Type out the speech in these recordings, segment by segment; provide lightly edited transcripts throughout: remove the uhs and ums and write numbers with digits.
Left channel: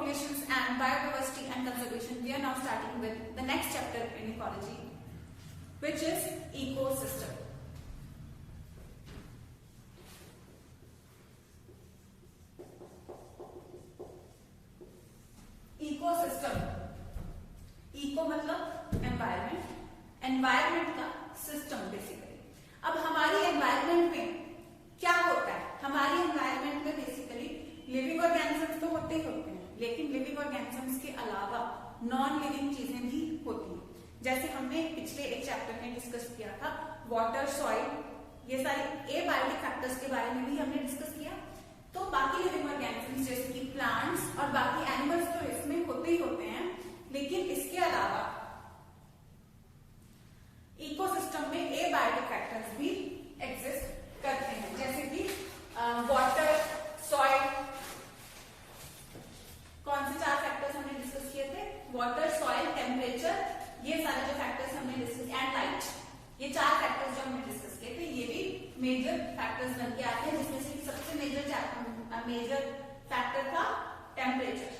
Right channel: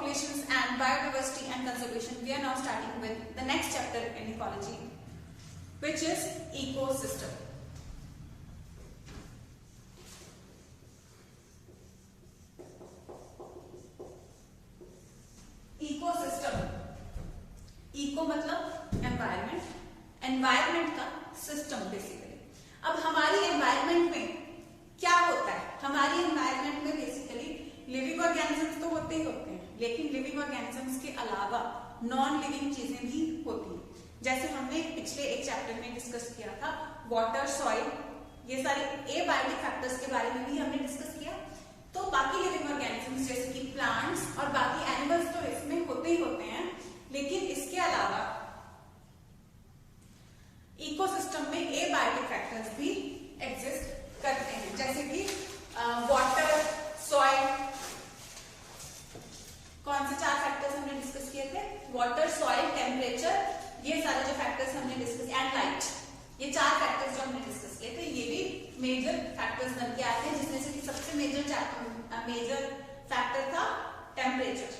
populations and biodiversity and conservation, we are now starting with the next chapter in ecology, which is ecosystem. Ecosystem, eco मतलब environment, environment का system basically. अब हमारी environment में क्या होता है? हमारी एनवायरमेंट में बेसिकली लिविंग ऑर्गेनिजम्स तो होते ही होते हैं, लेकिन लिविंग ऑर्गेनिजम्स के अलावा नॉन लिविंग चीजें भी होती हैं। जैसे हमने पिछले एक चैप्टर में डिस्कस किया था वाटर, सॉइल, ये सारे एबायोटिक फैक्टर्स के बारे में भी हमने डिस्कस किया। तो बाकी लिविंग ऑर्गेनिजम्स जैसे कि प्लांट्स और बाकी एनिमल्स तो इसमें होते ही होते हैं, लेकिन इसके अलावा इकोसिस्टम में एबायोटिक फैक्टर्स भी एग्जिस्ट करते हैं, जैसे कि वाटर, सॉइल। कौन से 4 फैक्टर्स हमने डिस्कस किए थे? वाटर, सॉइल, टेम्परेचर, ये सारे जो फैक्टर्स हमने डिस्कस, एंड लाइट, ये 4 फैक्टर्स जो हमने डिस्कस किए थे, ये भी मेजर फैक्टर्स बन के आते हैं, जिसमें से सबसे मेजर फैक्टर था टेम्परेचर।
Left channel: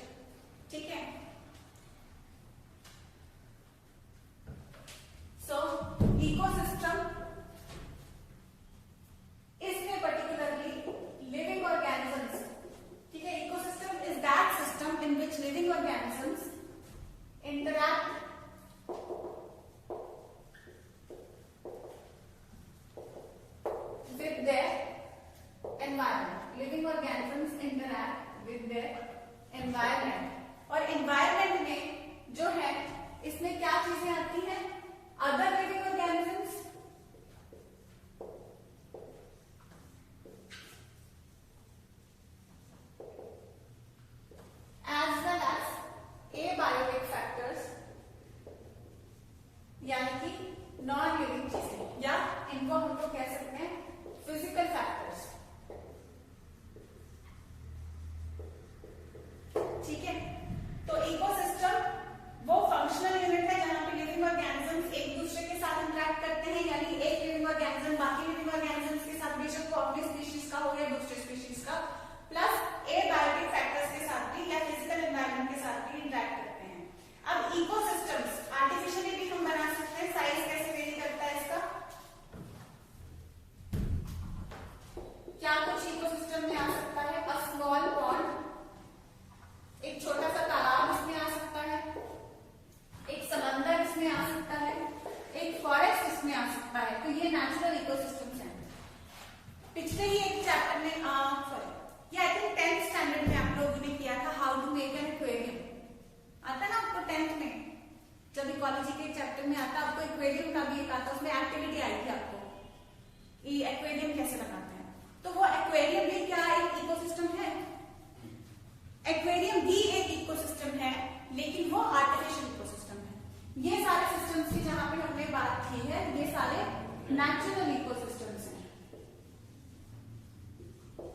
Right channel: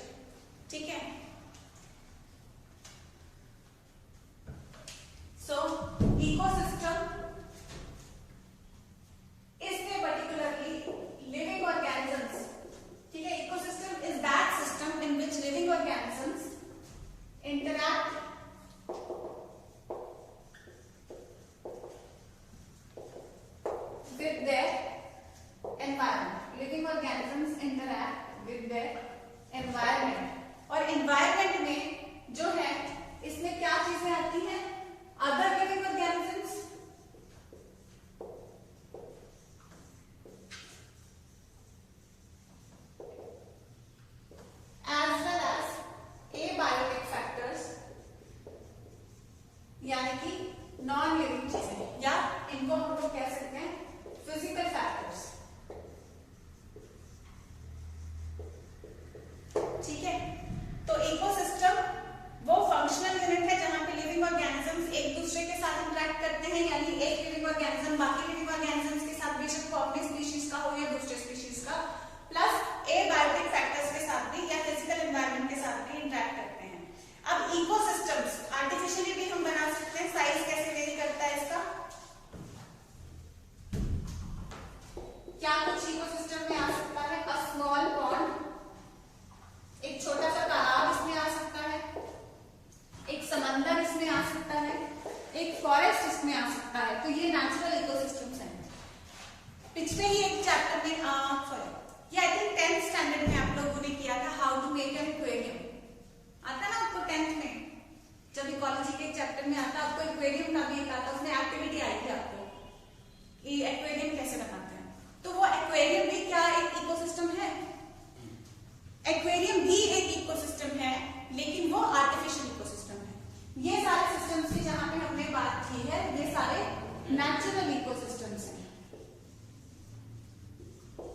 ठीक है, सो इकोसिस्टम इसमें पर्टिकुलरली लिविंग ऑर्गेनिजम्स, ठीक है, ecosystem is that system in which living organisms interact with their environment. Living organisms interact with their environment. और environment में जो है इसमें क्या चीजें आती हैं? Other living organisms, as well as abiotic factors, यानी कि नॉन लिविंग चीजें, या इनको हम लोग कह सकते हैं फिजिकल फैक्टर्स। ठीक है, तो इकोसिस्टम वो फंक्शनल यूनिट है जहां पे लिविंग ऑर्गेनिजम्स एक दूसरे के साथ इंटरेक्ट करते हैं, यानी एक लिविंग ऑर्गेनिज्म बाकी लिविंग ऑर्गेनिजम्स के साथ बेशक वो अपने स्पीशीज का हो या दूसरे स्पीशीज का, प्लस एबायोटिक फैक्टर्स के साथ भी या फिजिकल एनवायरनमेंट के साथ भी इंटरेक्ट करते हैं। अब इकोसिस्टम्स आर्टिफिशियली भी हम बना सकते हैं। साइज कैसे वेरी करता है इसका? क्या कुछ इकोसिस्टम में आ सकता है? अ स्मॉल पॉन्ड, एक छोटा सा तालाब इसमें आ सकता है, एक समंदर इसमें आ सकता है, एक फॉरेस्ट इसमें आ सकता है। तो ये नेचुरल इकोसिस्टम्स हैं। पिछले ही एक चैप्टर में ये आई थिंक 10th स्टैंडर्ड में आप लोगों ने किया था, how to make an aquarium. आता ना आपको 10th में, जब इकोलॉजी के चैप्टर में आता आपको एक्वेरियम का भी एक आता, उसमें एक्टिविटी आई थी आपको ये एक्वेरियम कैसे बनाते हैं। तो वो एक्वेरियम भी क्या एक इकोसिस्टम है? एक्वेरियम भी एक इकोसिस्टम है, लेकिन वो आर्टिफिशियल इकोसिस्टम है। ये सारे सिस्टम्स की जहां पे हमने बात की है, ये सारे नेचुरल इकोसिस्टम्स हैं,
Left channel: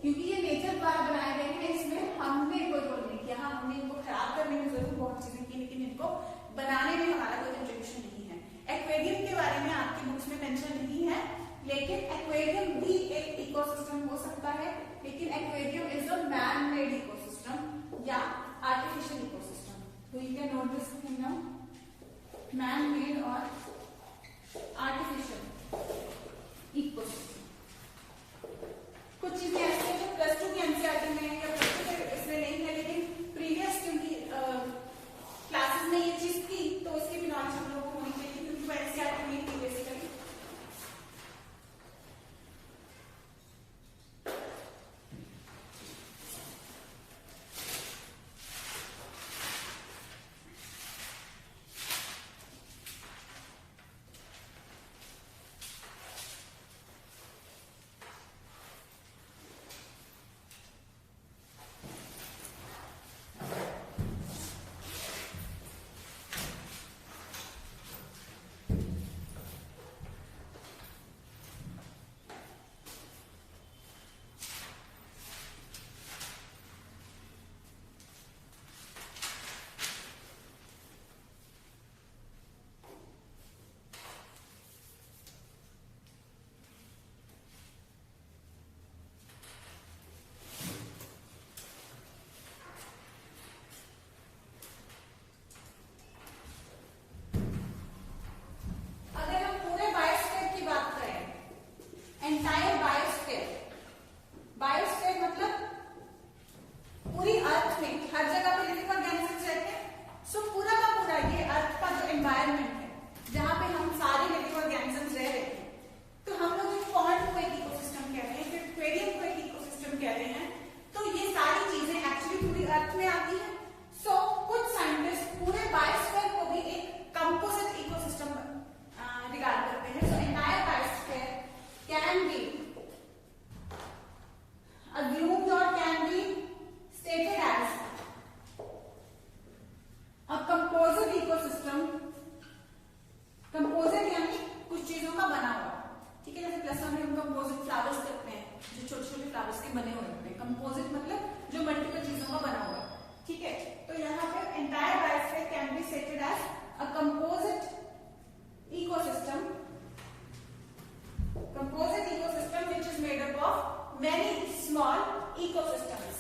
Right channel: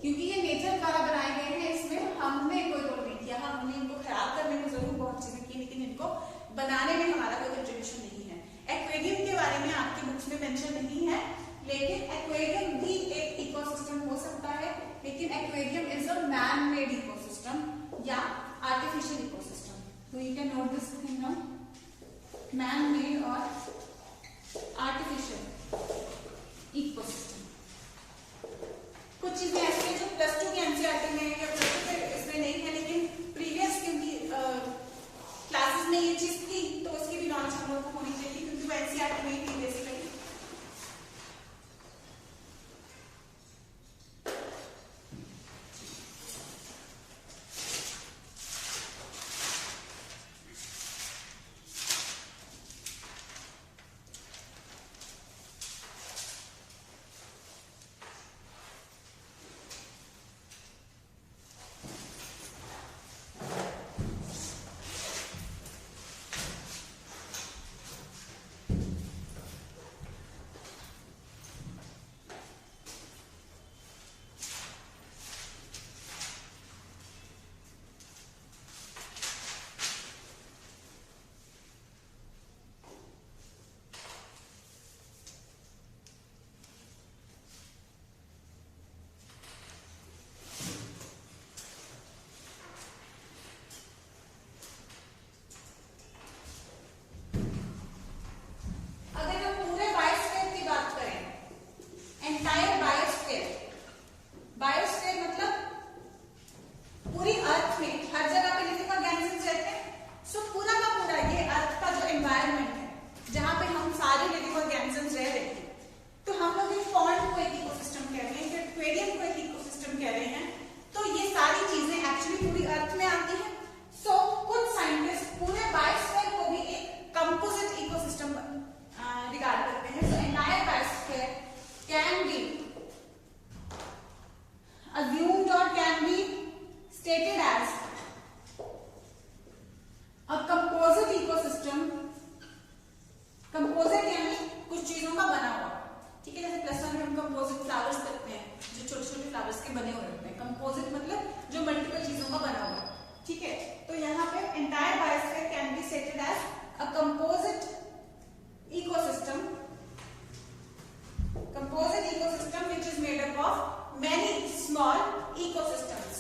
क्योंकि ये नेचर द्वारा बनाए गए हैं। इसमें हमने कोई रोल नहीं किया, हमने इनको खराब करने में जरूर बहुत चीजें की, लेकिन इनको बनाने में हमारा कोई कंट्रीब्यूशन नहीं है। एक्वेरियम के बारे में आपकी बुक्स में मेंशन नहीं है, लेकिन एक्वेरियम भी एक इकोसिस्टम हो सकता है, लेकिन aquarium is a man made ecosystem या आर्टिफिशियल इकोसिस्टम। तो you can note this thing now, man made और आर्टिफिशियल इकोसिस्टम। कुछ चीजें ऐसी हैं जो प्लस 2 की एनसीईआरटी में या प्लस 2 के इसमें नहीं है, लेकिन प्रीवियस क्योंकि क्लासेस में ये चीज थी तो उसकी भी नॉलेज हम लोग को होनी चाहिए, क्योंकि वो एनसीईआरटी में थी बेसिकली। कागज के बने हुए होते हैं। कंपोजिट मतलब जो मल्टीपल चीजों का बना हुआ है, ठीक है। तो यहाँ पे entire biosphere can be stated as a composite ecosystem, composite ecosystem which is made up of many small ecosystems.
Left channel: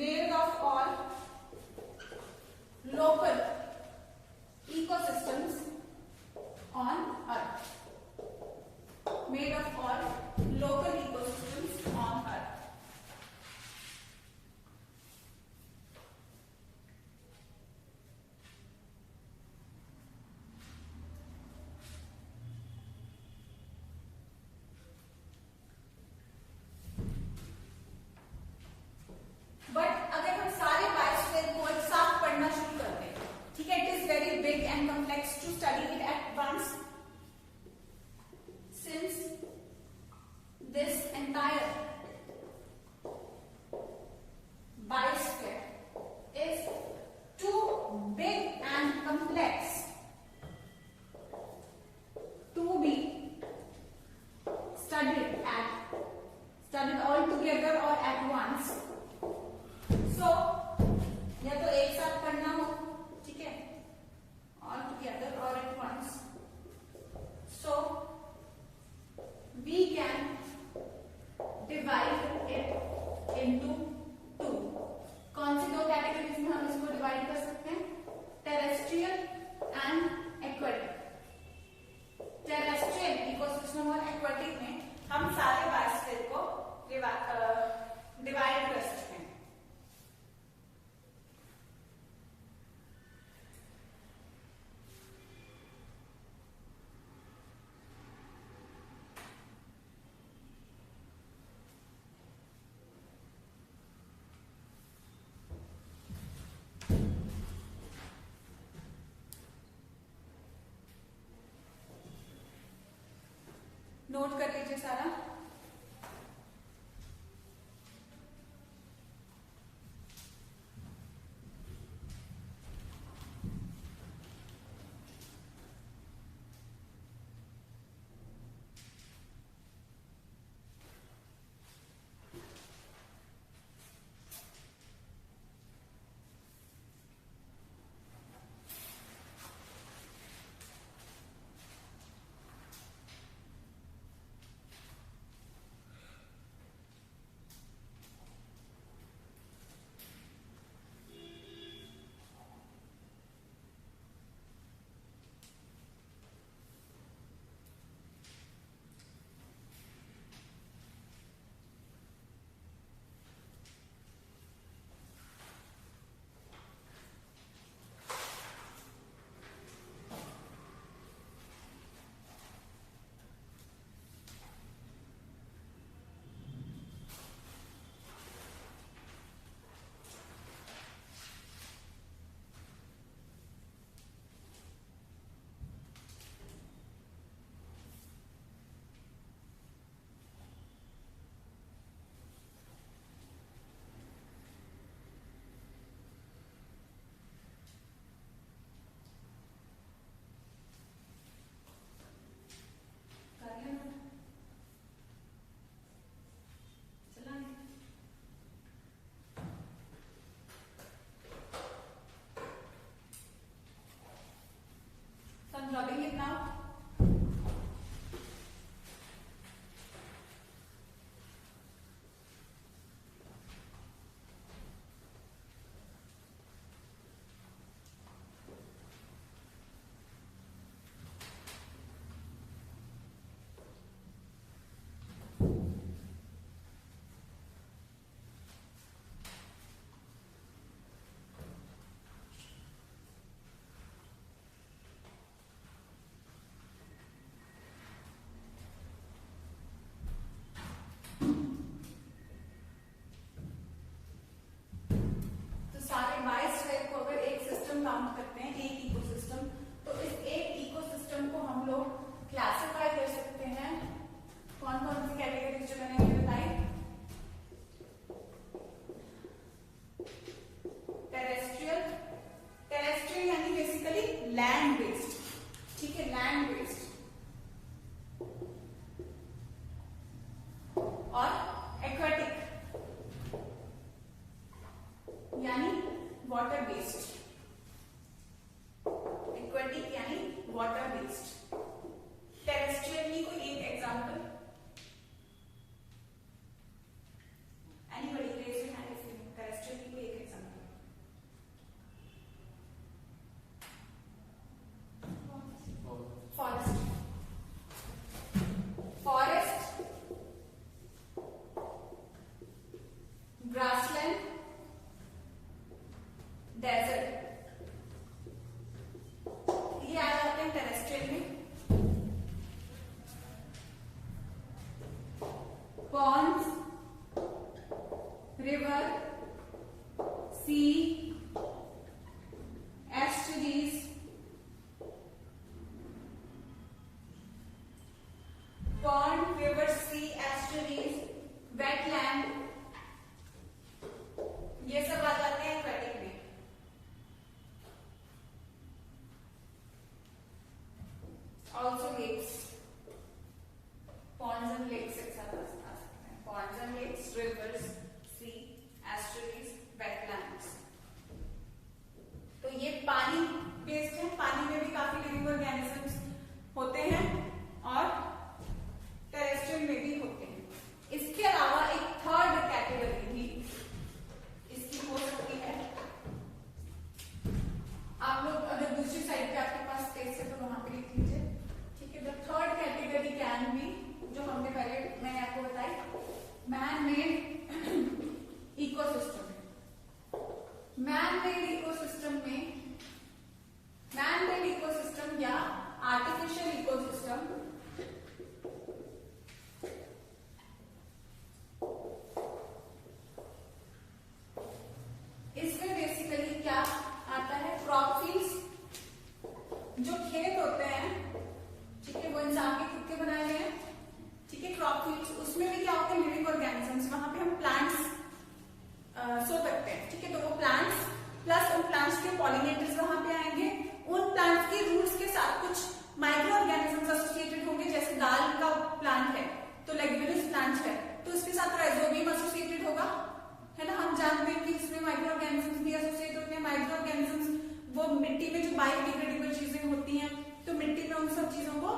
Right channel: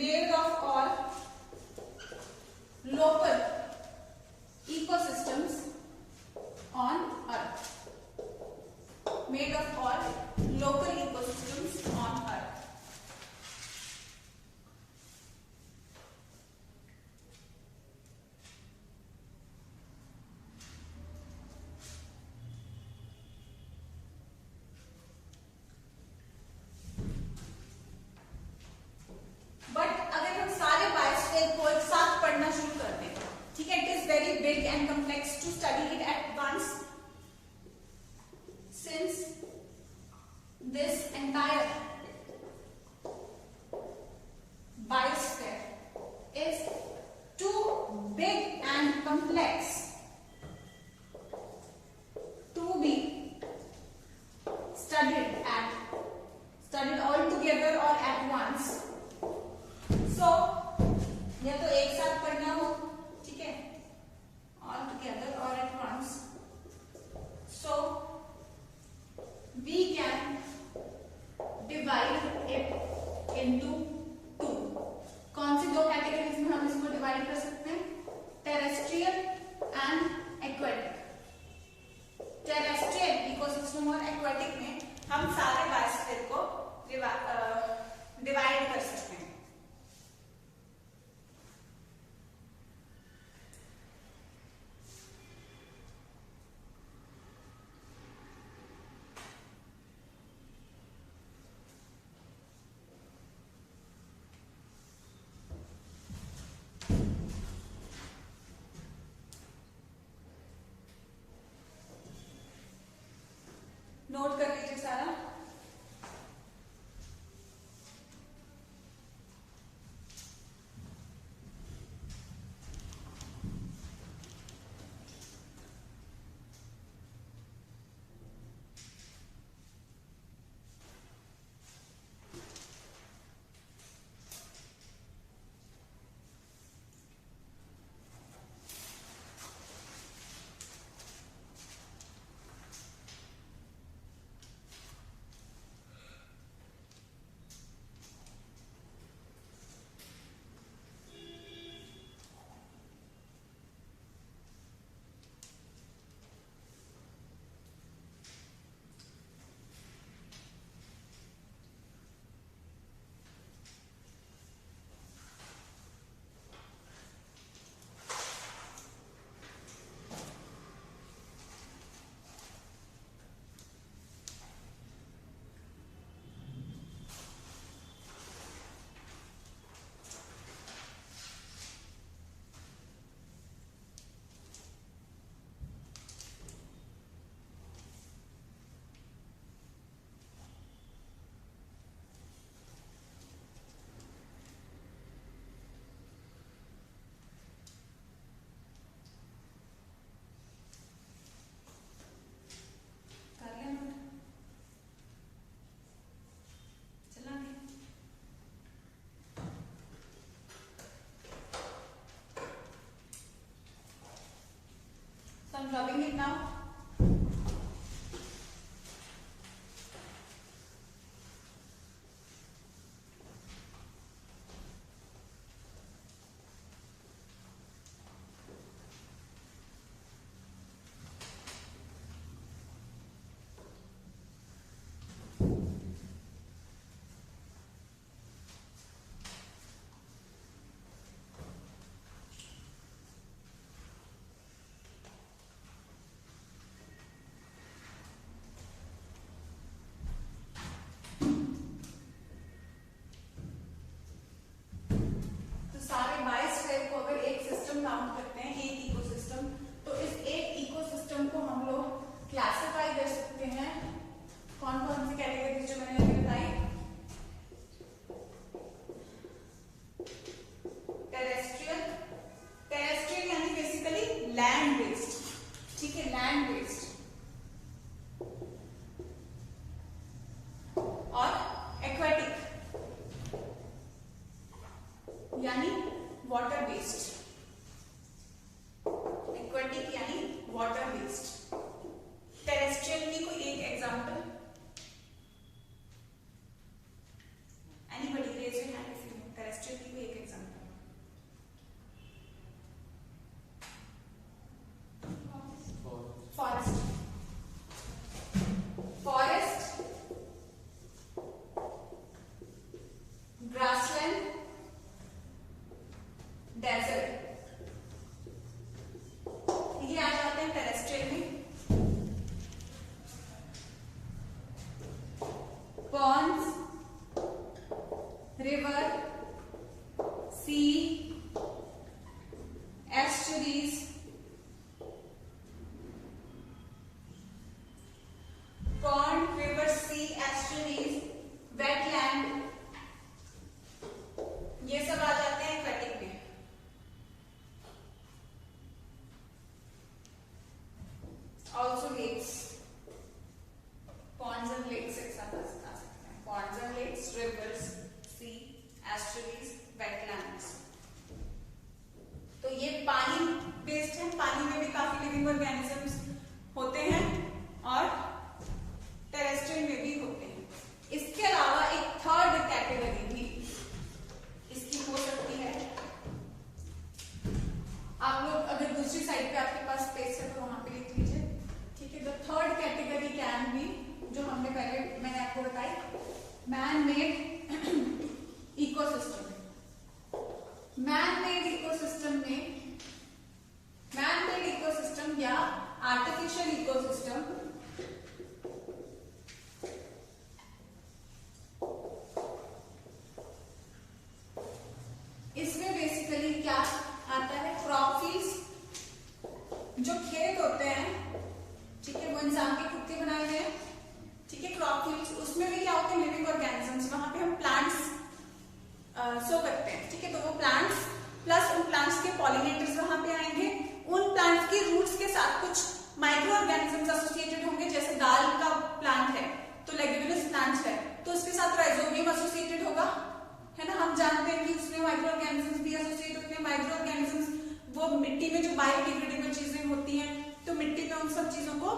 Made of all local ecosystems on Earth. Made of all local ecosystems on Earth. And complex to study it at once, since this entire biosphere is too big and complex to be studied all together or at once. So या तो एक साथ पढ़ना हो, ठीक है, all together or at once. So we can divide it into two. कौन सी दो कैटेगरीज में हम इसको डिवाइड कर सकते हैं? Terrestrial and aquatic. Terrestrial ecosystem और एक्वेटिक में हम सारे बायोस्फीयर को डिवाइड कर सकते हैं. नोट कर लीजिए सारा. I'm rubbing it now. Land based, ठीक है, लैंड बेस्ड, और एक्वेटिक यानी वाटर बेस्ड, एक्वेटिक यानी वाटर बेस्ड। टेरेस्ट्रियल की कोई एक example, anybody raise your hand if you, terrestrial की कोई एक example. Forest, forest, grassland, desert, ये आ जाते हैं टेरेस्ट्रियल में। Ponds, river, sea, estuaries, pond, river, sea, estuaries, wetland, ये सब आ जाते हैं एक्वेटिक में। Also lakes, ponds and lakes examples आ सकते हैं, Pond's and lakes, rivers, sea, estuaries, wetlands. तो ये पानी बेस्ड है, पानी में भी काफी लिविंग ऑर्गेनिजम्स होते हैं और टेरेस्ट्रियल में भी होते हैं। इसके अलावा एक थर्ड कैटेगरी भी इसकी हो सकती है। आप लोग अगर दूसरी साइड पे आपके पास स्पेस है तो वहां पे लिख लीजिए, ठीक है। The third category can be, जो हमने पहले मैंने आपको बताई, man made ecosystem. Man made ecosystem में, मैन मेड इकोसिस्टम या आर्टिफिशियल इकोसिस्टम इसमें बेसिकली क्या आता है, क्रॉप फील्ड्स, जो खेत होते हैं, ठीक है, वो इंसान के खुद के बनाए हुए हैं, ठीक है, क्रॉप फील्ड्स, उसमें भी क्या होते हैं, लिविंग ऑर्गेनिजम्स, वहां पे हम प्लांट्स सो करते हैं, ठीक है। तो वो प्लांट्स प्लस उन प्लांट्स के पॉलिनेटर्स वहां पे आएंगे, उन प्लांट्स के रूट्स के साथ कुछ माइक्रो ऑर्गेनिजम्स एसोसिएटेड होंगे, जैसे दाल का प्लांट है तो लेग्यूमिनस प्लांट है तो उसके साथ राइजोबियम एसोसिएटेड होगा, है ना। हम जानते हैं कि उसमें माइक्रो ऑर्गेनिजम्स भी एसोसिएट होते हैं। माइक्रो ऑर्गेनिजम्स वो मिट्टी में जो बायोडिग्रेडेबल चीजें होती हैं, तो मिट्टी में उन सब चीजों को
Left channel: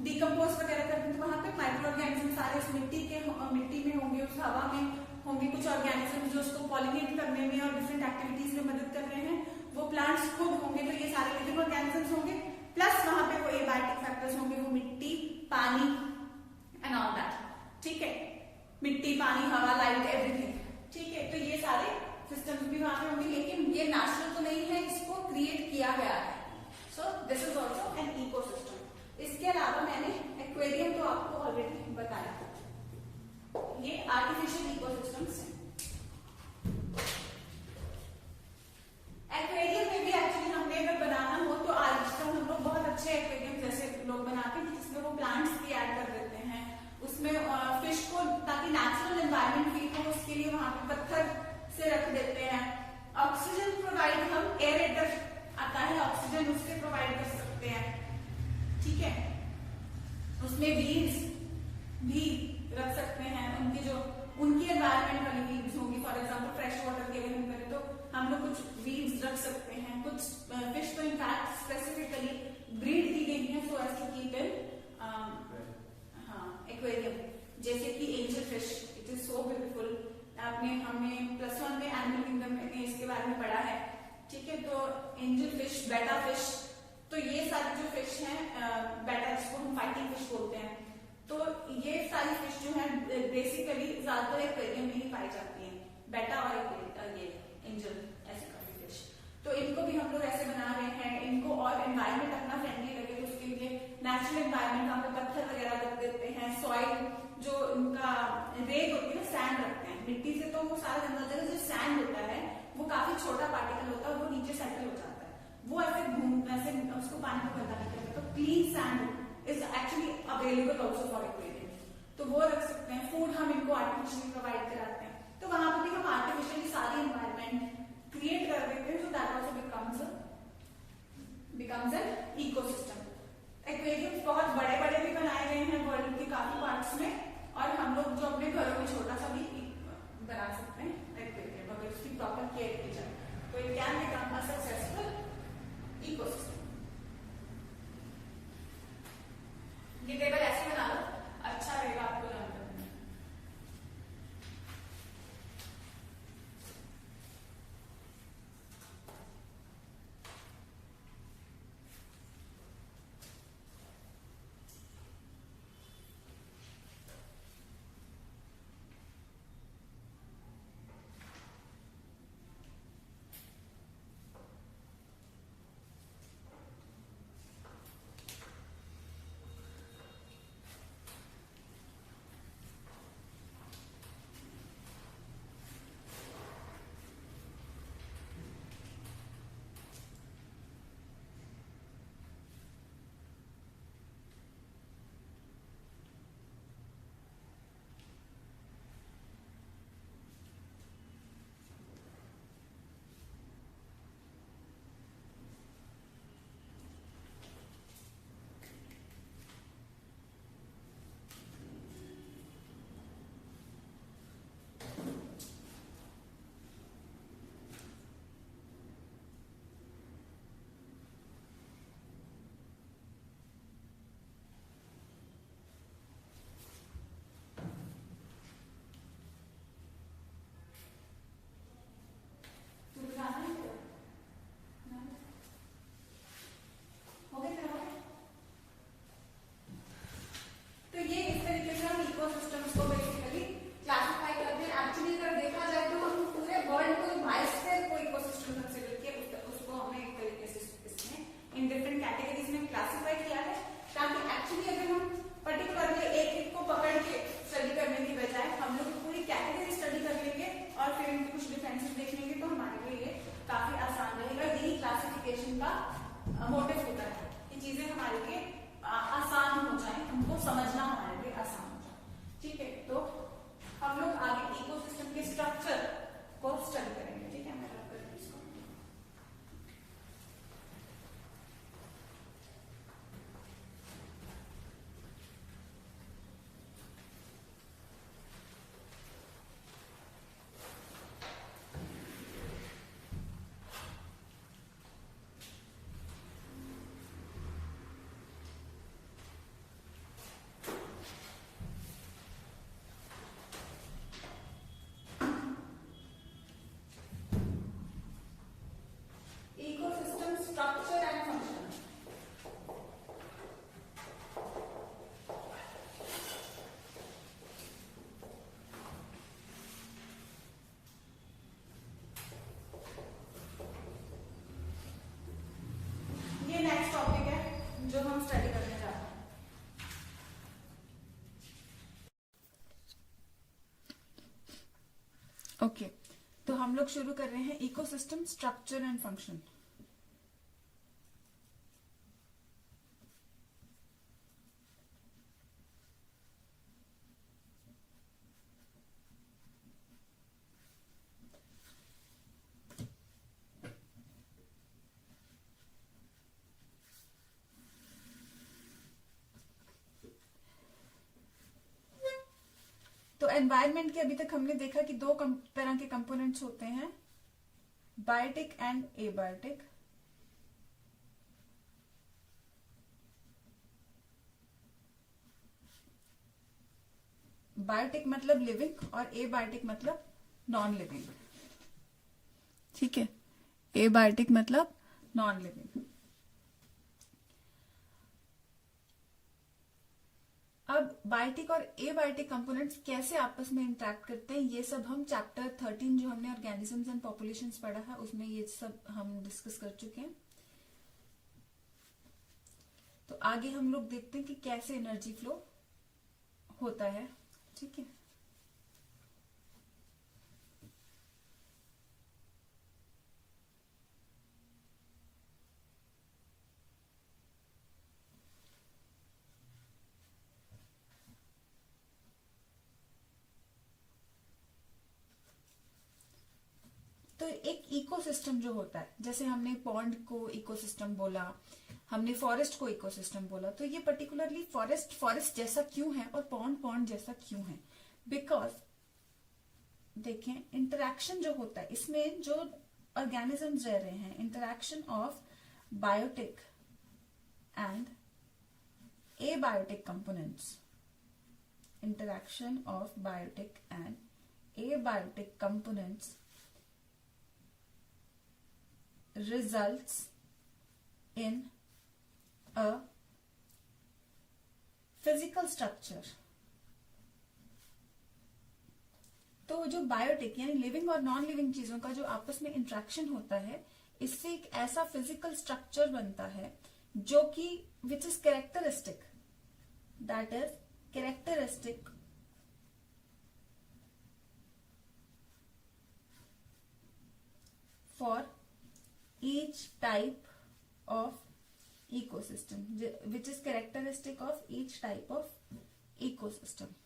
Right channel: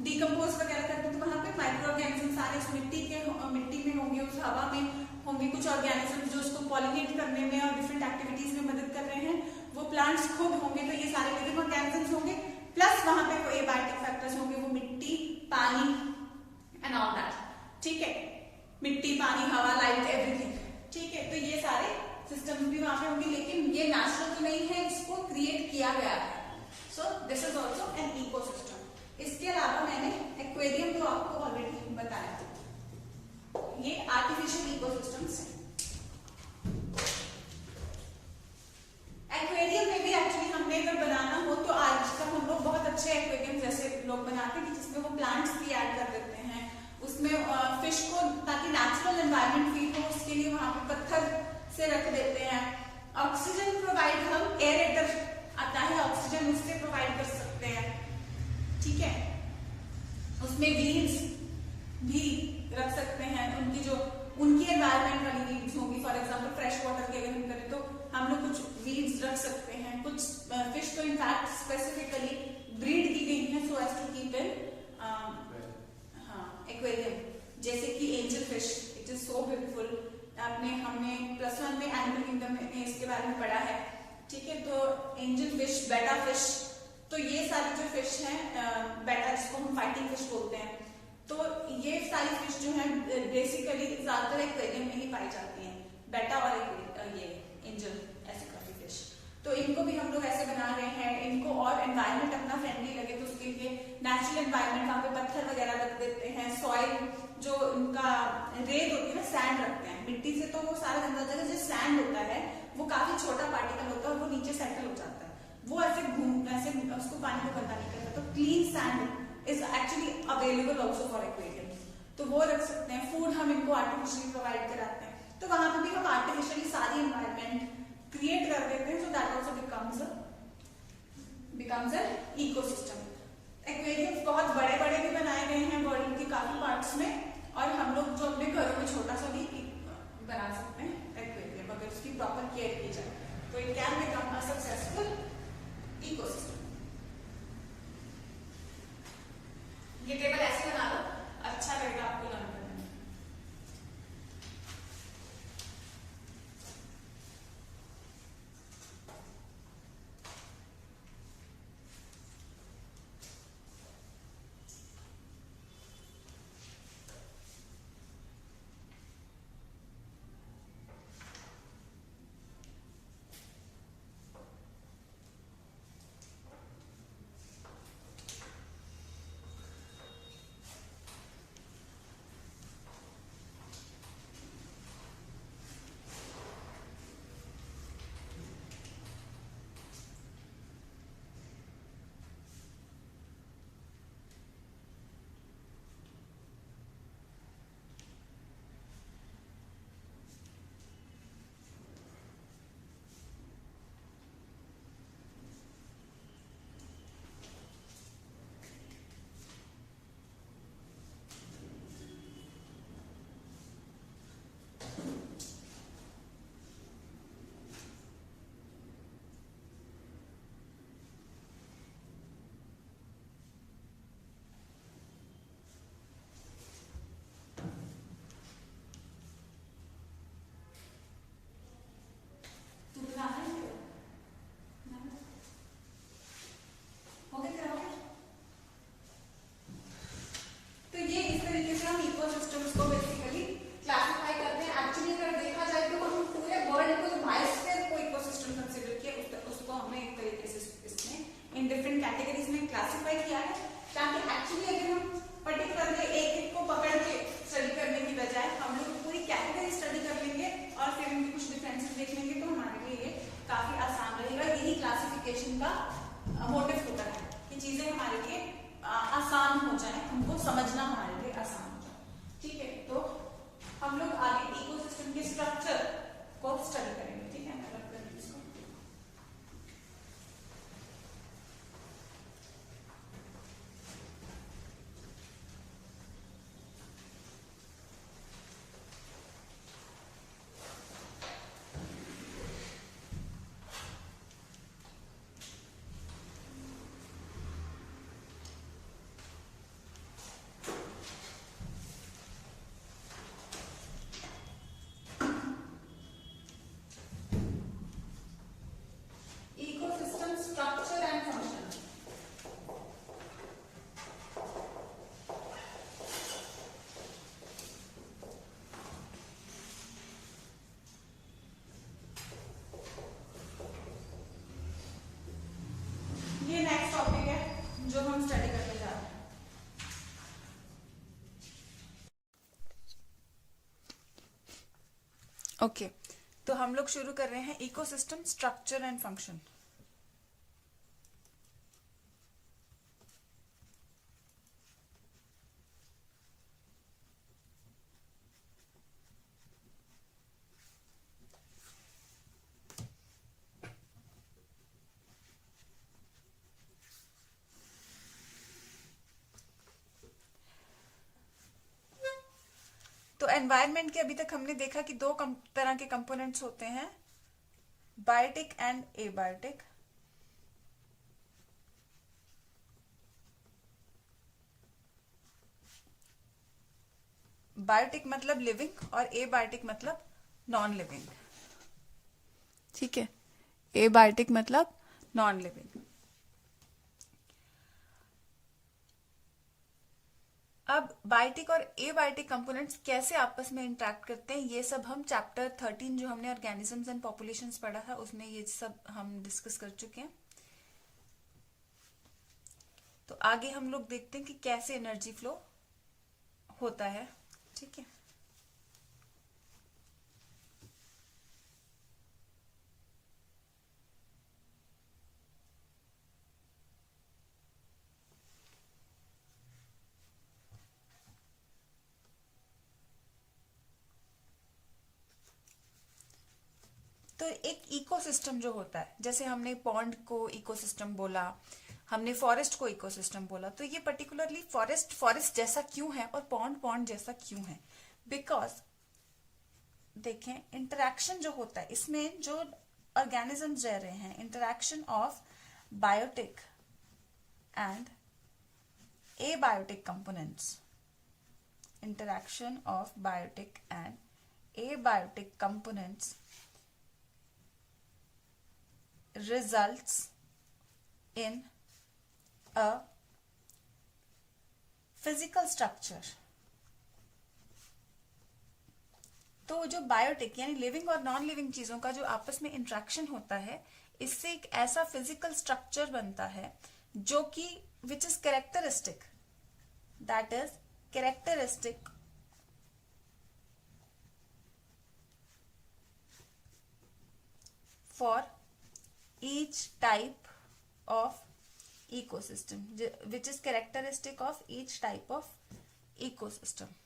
डिकम्पोज वगैरह करते हैं, तो वहां पे माइक्रो ऑर्गेनिज्म सारे उस मिट्टी में होंगे, उस हवा में होंगे कुछ ऑर्गेनिज्म जो उसको पॉलिनेट करने में और डिफरेंट एक्टिविटीज में मदद कर रहे हैं। वो प्लांट्स खुद होंगे, तो ये सारे लिविंग ऑर्गेनिजम्स होंगे, प्लस वहां पे कोई एबायोटिक फैक्टर्स होंगे, वो मिट्टी, पानी एंड ऑल दैट, ठीक है, मिट्टी, पानी, हवा, लाइट, एवरीथिंग, ठीक है। तो ये सारे सिस्टम्स भी वहां पे होंगे, लेकिन ये नेचुरल तो नहीं है, इसको क्रिएट किया गया है। So this is also an ecosystem. इसके अलावा मैंने एक्वेरियम तो आपको ऑलरेडी बताया था, ये आर्टिफिशियल इकोसिस्टम्स हैं। एक्वेरियम में भी एक्चुअली हमने अगर बनाना हो तो आजकल हम लोग बहुत अच्छे एक्वेरियम जैसे लोग बनाते हैं, जिसमें वो प्लांट्स भी ऐड कर देते हैं, उसमें फिश को ताकि नेचुरल एनवायरनमेंट फील हो उसके लिए वहां पे पत्थर से रख देते हैं। ऑक्सीजन प्रोवाइड हम एरेटर आता है, ऑक्सीजन उससे प्रोवाइड कर सकते हैं, ठीक है। उसमें वीड्स भी रख सकते हैं, उनकी एनवायरनमेंट वाली वीड्स होंगी। फॉर एग्जांपल फ्रेश वाटर की अगर हम करें तो हम लोग कुछ वीड्स रख सकते हैं। कुछ फिश को इनफैक्ट स्पेसिफिकली ब्रीड की गई है so as to keep in aquarium, जैसे कि angel fish, it is so beautiful. हमने +1 में एनिमल किंगडम में इसके बारे में पढ़ा है, ठीक है। तो एंजल फिश, बेटा फिश, तो ये सारी जो फिश हैं, बेटा जिसको हम फाइटिंग फिश बोलते हैं, तो ये सारी फिश जो है बेसिकली ज्यादातर एक्वेरियम में ही पाई जाती हैं, बेटा और ये एंजल ऐसी काफी फिश। तो इनको भी हम लोग ऐसे बना रहे हैं, इनको और एनवायरनमेंट अपना फ्रेंडली लगे तो उसके लिए नेचुरल एनवायरनमेंट, वहां पे पत्थर वगैरह रख देते हैं, सॉइल जो उनका रेत होती है ना, सैंड रखते हैं मिट्टी से, तो वो सारा गंदा जगह जो सैंड होता है वो काफी छोटा पार्टिकल होता है और वो नीचे सेटल हो जाता है, वो ऐसे उसको पानी को गंदा नहीं करता। तो clean sand is actually available also for aquarium, तो वो रख सकते हैं। फूड हम इनको आर्टिफिशियली प्रोवाइड कराते हैं, तो वहां पर भी हम आर्टिफिशियली सारी एनवायरनमेंट क्रिएट कर देते हैं, so that also becomes becomes an ecosystem. Aquariums बहुत बड़े बड़े भी बनाए गए हैं वर्ल्ड के काफी पार्ट्स में, और हम लोग जो अपने घरों में छोटा सा भी बना सकते हैं एक्वेरियम, अगर उसकी प्रॉपर केयर की जाए तो it can become a successful ecosystem. ये टेबल ऐसे बना लो, अच्छा रहेगा आपको लर्न करने में। तो ये इस तरीके से हम इकोसिस्टम्स को बेसिकली क्लासिफाई करते हैं। एक्चुअली अगर देखा जाए तो हम पूरे वर्ल्ड को जो बायोस्फीयर को इकोसिस्टम कंसीडर किया, उसको हमने एक तरीके से इसमें इन डिफरेंट कैटेगरीज में क्लासिफाई किया है, ताकि एक्चुअली अगर हम पर्टिकुलरली एक एक को पकड़ के स्टडी करने की बजाय हम लोग पूरी कैटेगरी स्टडी कर लेंगे और फिर इनके कुछ डिफरेंसेस देख लेंगे, तो हमारे लिए ये काफी आसान रहेगा। यही क्लासिफिकेशन का मोटिव होता है कि चीजें हमारे लिए आसान हो जाए, उनको समझना हमारे लिए आसान हो जाए। ठीक है, तो हम लोग आगे इकोसिस्टम के स्ट्रक्चर को स्टडी करेंगे। ठीक है, मैं रख कर इसको। Structure and function. ये नेक्स्ट टॉपिक है जो हम स्टडी करने जा रहे हैं। ओके, तो हम लोग शुरू कर रहे हैं इकोसिस्टम स्ट्रक्चर एंड फंक्शन। तो एनवायरनमेंट के अभी तक हमने देखा कि दो तरह के कंपोनेंट्स होते हैं, बायोटिक एंड एबायोटिक। बायोटिक मतलब लिविंग और एबायोटिक मतलब नॉन लिविंग। ठीक है, एबायोटिक मतलब नॉन लिविंग। अब बायोटिक और एबायोटिक कंपोनेंट्स कैसे आपस में इंटरेक्ट करते हैं, ये सब हम चैप्टर 13 जो हमने ऑर्गेनिजम्स एंड पॉपुलेशंस पढ़ा था उसमें ये सब हम डिस्कस कर चुके हैं। तो आगे हम लोग देखते हैं कि कैसे एनर्जी फ्लो होता है। ठीक है, तो एक इकोसिस्टम जो होता है, जैसे हमने पॉन्ड को इकोसिस्टम बोला, हमने फॉरेस्ट को इकोसिस्टम बोला, तो ये पर्टिकुलरली फॉरेस्ट जैसा क्यों है और पॉन्ड जैसा क्यों है? बिकॉज देखें, इंटरेक्शन जो होता है इसमें, जो ऑर्गेनिजम्स रह रहे हैं, interaction of biotic and abiotic components, interaction of biotic and abiotic components results in a physical structure. तो जो बायोटिक यानी लिविंग और नॉन लिविंग चीजों का जो आपस में इंट्रैक्शन होता है, इससे एक ऐसा फिजिकल स्ट्रक्चर बनता है जो कि which is characteristic, that is characteristic for each type of ecosystem, which is characteristic of each type of ecosystem.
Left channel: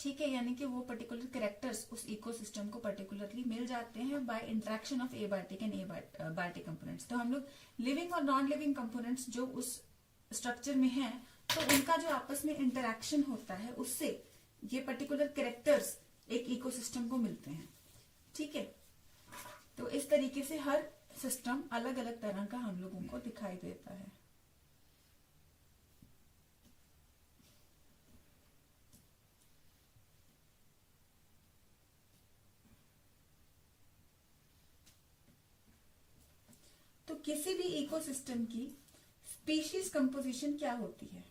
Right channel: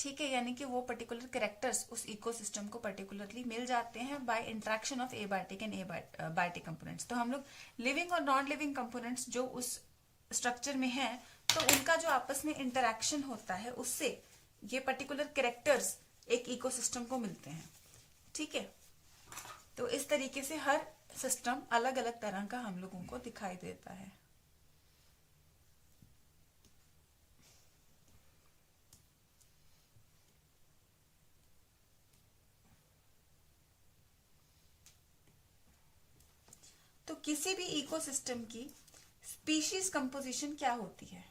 ठीक है, यानी कि वो पर्टिकुलर कैरेक्टर्स उस इकोसिस्टम को पर्टिकुलरली मिल जाते हैं by interaction of abiotic and biotic components. तो हम लोग लिविंग और नॉन लिविंग कंपोनेंट्स जो उस स्ट्रक्चर में है, तो उनका जो आपस में इंटरेक्शन होता है, उससे ये पर्टिकुलर कैरेक्टर्स एक इकोसिस्टम को मिलते हैं. ठीक है, तो इस तरीके से हर सिस्टम अलग अलग तरह का हम लोगों को दिखाई देता है. तो किसी भी इकोसिस्टम की स्पीशीज कंपोजिशन क्या होती है?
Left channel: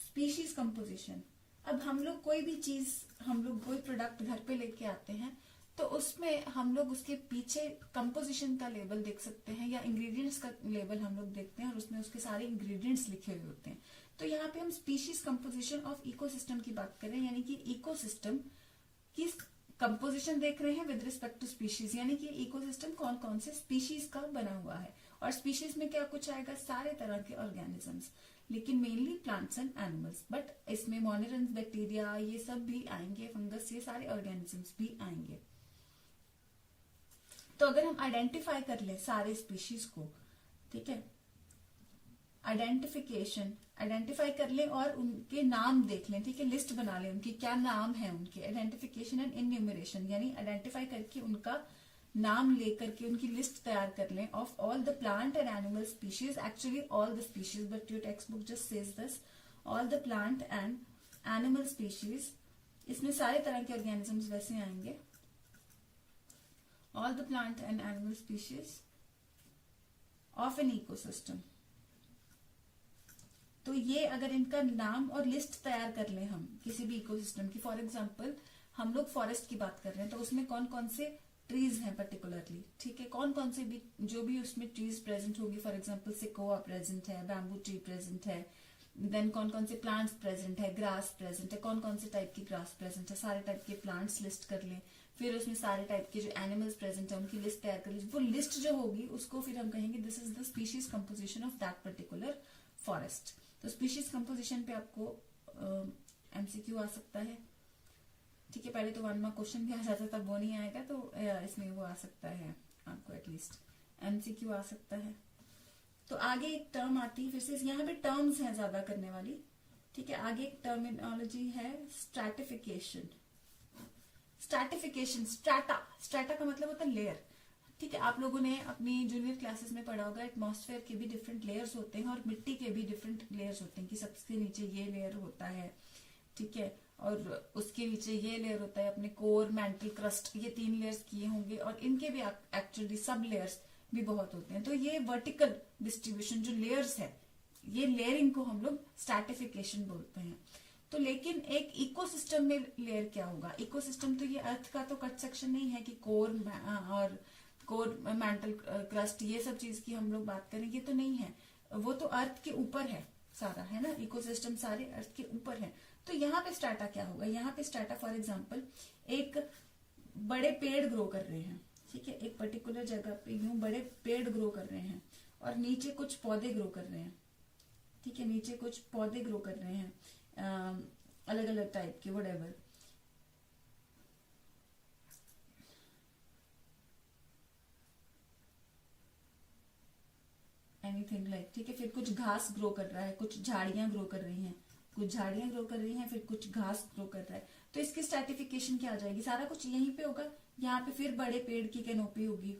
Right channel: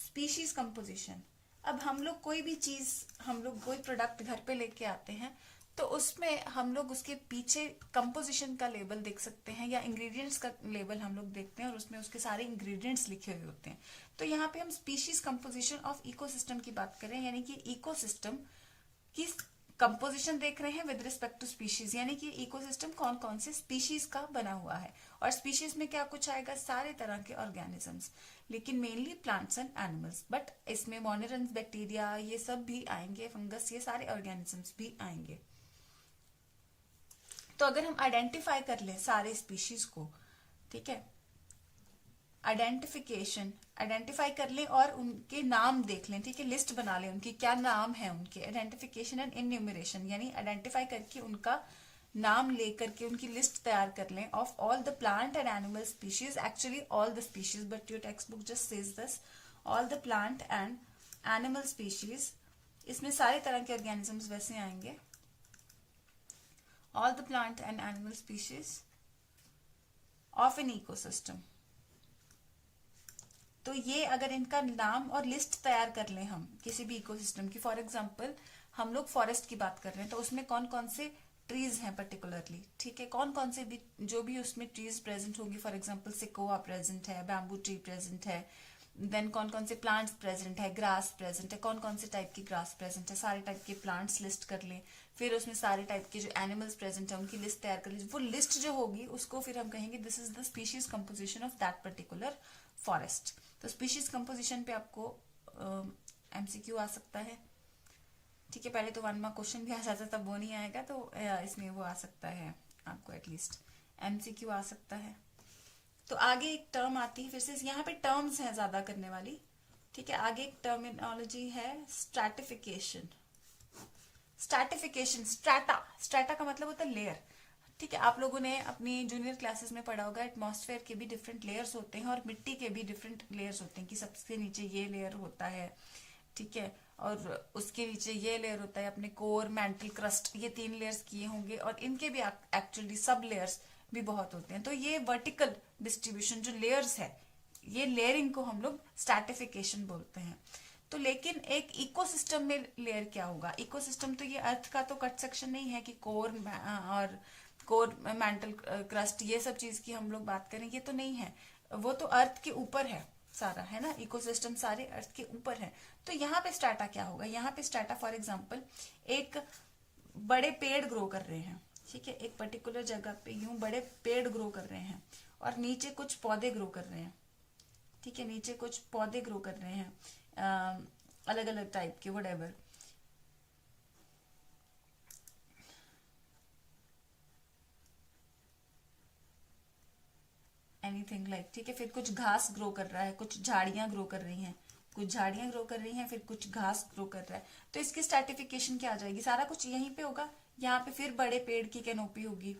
स्पीशीज कंपोजिशन, अब हम लोग कोई भी चीज, हम लोग कोई प्रोडक्ट घर पे लेके आते हैं, तो उसमें हम लोग उसके पीछे कंपोजिशन का लेबल देख सकते हैं या इंग्रेडिएंट्स का लेबल हम लोग देखते हैं और उसमें उसके सारे इंग्रेडिएंट्स लिखे हुए होते हैं. तो यहाँ पे हम स्पीशीज कंपोजिशन ऑफ इकोसिस्टम की बात करें, यानी कि इकोसिस्टम की कंपोजिशन देख रहे हैं विद रिस्पेक्ट टू स्पीशीज, यानी कि इकोसिस्टम कौन कौन से स्पीशीज का बना हुआ है. और स्पीशीज में क्या कुछ आएगा? सारे तरह के ऑर्गेनिजम्स, लेकिन mainly plants and animals, but इसमें मोनेरन्स, बैक्टीरिया, ये सब भी आएंगे, फंगस, ये सारे ऑर्गेनिजम्स भी आएंगे. तो अगर हम आइडेंटिफाई कर लें सारे स्पीशीज को, ठीक है, आइडेंटिफाई कर लें और उनके नाम देख लें, ठीक है, लिस्ट बना लें उनकी क्या नाम है उनके. आइडेंटिफिकेशन एंड इन्यूमरेशन, यानी आइडेंटिफाई करके उनका नाम लेकर के उनकी लिस्ट तैयार कर लें of all the plant and animal species, actually all the species, but your text book just says this, all the plant and animal species. इसमें सारे तरह के ऑर्गेनिजम्स वैसे आएंगे. All the plant and animal species of an ecosystem. तो ये अगर इनका नाम और लिस्ट तैयार कर लें हम किसी भी इकोसिस्टम की, फॉर एग्जांपल हम लोग फॉरेस्ट की बात कर रहे हैं, तो उसमें कौन कौन से ट्रीज हैं पर्टिकुलरली, ठीक है, कौन कौन से भी जो भी उसमें ट्रीज प्रेजेंट होंगी, फॉर एग्जांपल सिकोआ प्रेजेंट है, बैम्बू ट्री प्रेजेंट है, देन कौन कौन से प्लांट्स प्रेजेंट है, ग्रास प्रेजेंट है, कौन कौन से टाइप की ग्रास प्रेजेंट है, सारे टाइप के प्लांट्स लिस्ट कर लें. फिर उसमें सारे टाइप के जो एनिमल्स प्रेजेंट है उनकी लिस्ट तैयार कर लीजिए. वो लिस्ट जो होगी उसको फिर हम कहेंगे this is the species composition of that particular forest. तो स्पीशीज कंपोजिशन पे आपको एमसीक्यू आ सकता है, ठीक है. पहले तो 1 मार्क क्वेश्चन भी आ जाता, तब वो नहीं आएगा, तो इसमें वो आ सकता है आपको, एटलीस्ट एमसीक्यू आ सकता है. तो आगे एक टर्म आती है, फिर से यहाँ पे टर्म्स हैं ज्यादा करने वाली, ठीक है. आगे एक टर्मिनोलॉजी है स्ट्रैटिफिकेशन. स्ट्रैटा का मतलब होता है लेयर, ठीक है. आप लोगों ने अपनी जूनियर क्लासेस में पढ़ा होगा एटमॉस्फेयर के भी डिफरेंट लेयर्स होते हैं और मिट्टी के भी डिफरेंट लेयर्स होते हैं, कि सबसे नीचे ये लेयर होता है, ठीक है, और उसके नीचे ये लेयर होता है अपने कोर, मैंटल, क्रस्ट, ये 3 लेयर्स किए होंगे, और इनके भी एक्चुअली सब लेयर्स भी बहुत होते हैं. तो ये वर्टिकल डिस्ट्रीब्यूशन जो लेयर्स है, ये लेयरिंग को हम लोग स्ट्रैटिफिकेशन बोलते हैं. तो लेकिन एक इकोसिस्टम में लेयर क्या होगा? इकोसिस्टम तो ये अर्थ का तो कट सेक्शन नहीं है कि कोर मैंटल, क्रस्ट, ये सब चीज की हम लोग बात करें, ये तो नहीं है. वो तो अर्थ के ऊपर है सारा, है ना, इकोसिस्टम सारे अर्थ के ऊपर है. तो यहाँ पे स्ट्रैटा क्या होगा? यहाँ पे स्ट्रैटा फॉर एग्जांपल एक बड़े पेड़ ग्रो कर रहे हैं, ठीक है, एक पर्टिकुलर जगह पे यूं बड़े पेड़ ग्रो कर रहे हैं और नीचे कुछ पौधे ग्रो कर रहे हैं, ठीक है, नीचे कुछ पौधे ग्रो कर रहे हैं अलग अलग टाइप के, व्हाटएवर. एनीथिंग लाइक, ठीक है। फिर कुछ घास ग्रो कर रहा है, कुछ झाड़ियां ग्रो कर रही हैं, कुछ झाड़ियां ग्रो कर रही हैं, फिर कुछ घास ग्रो कर रहा है। तो इसकी स्ट्रैटिफिकेशन क्या आ जाएगी, सारा कुछ यहीं पे होगा। यहाँ पे फिर बड़े पेड़ की कैनोपी होगी,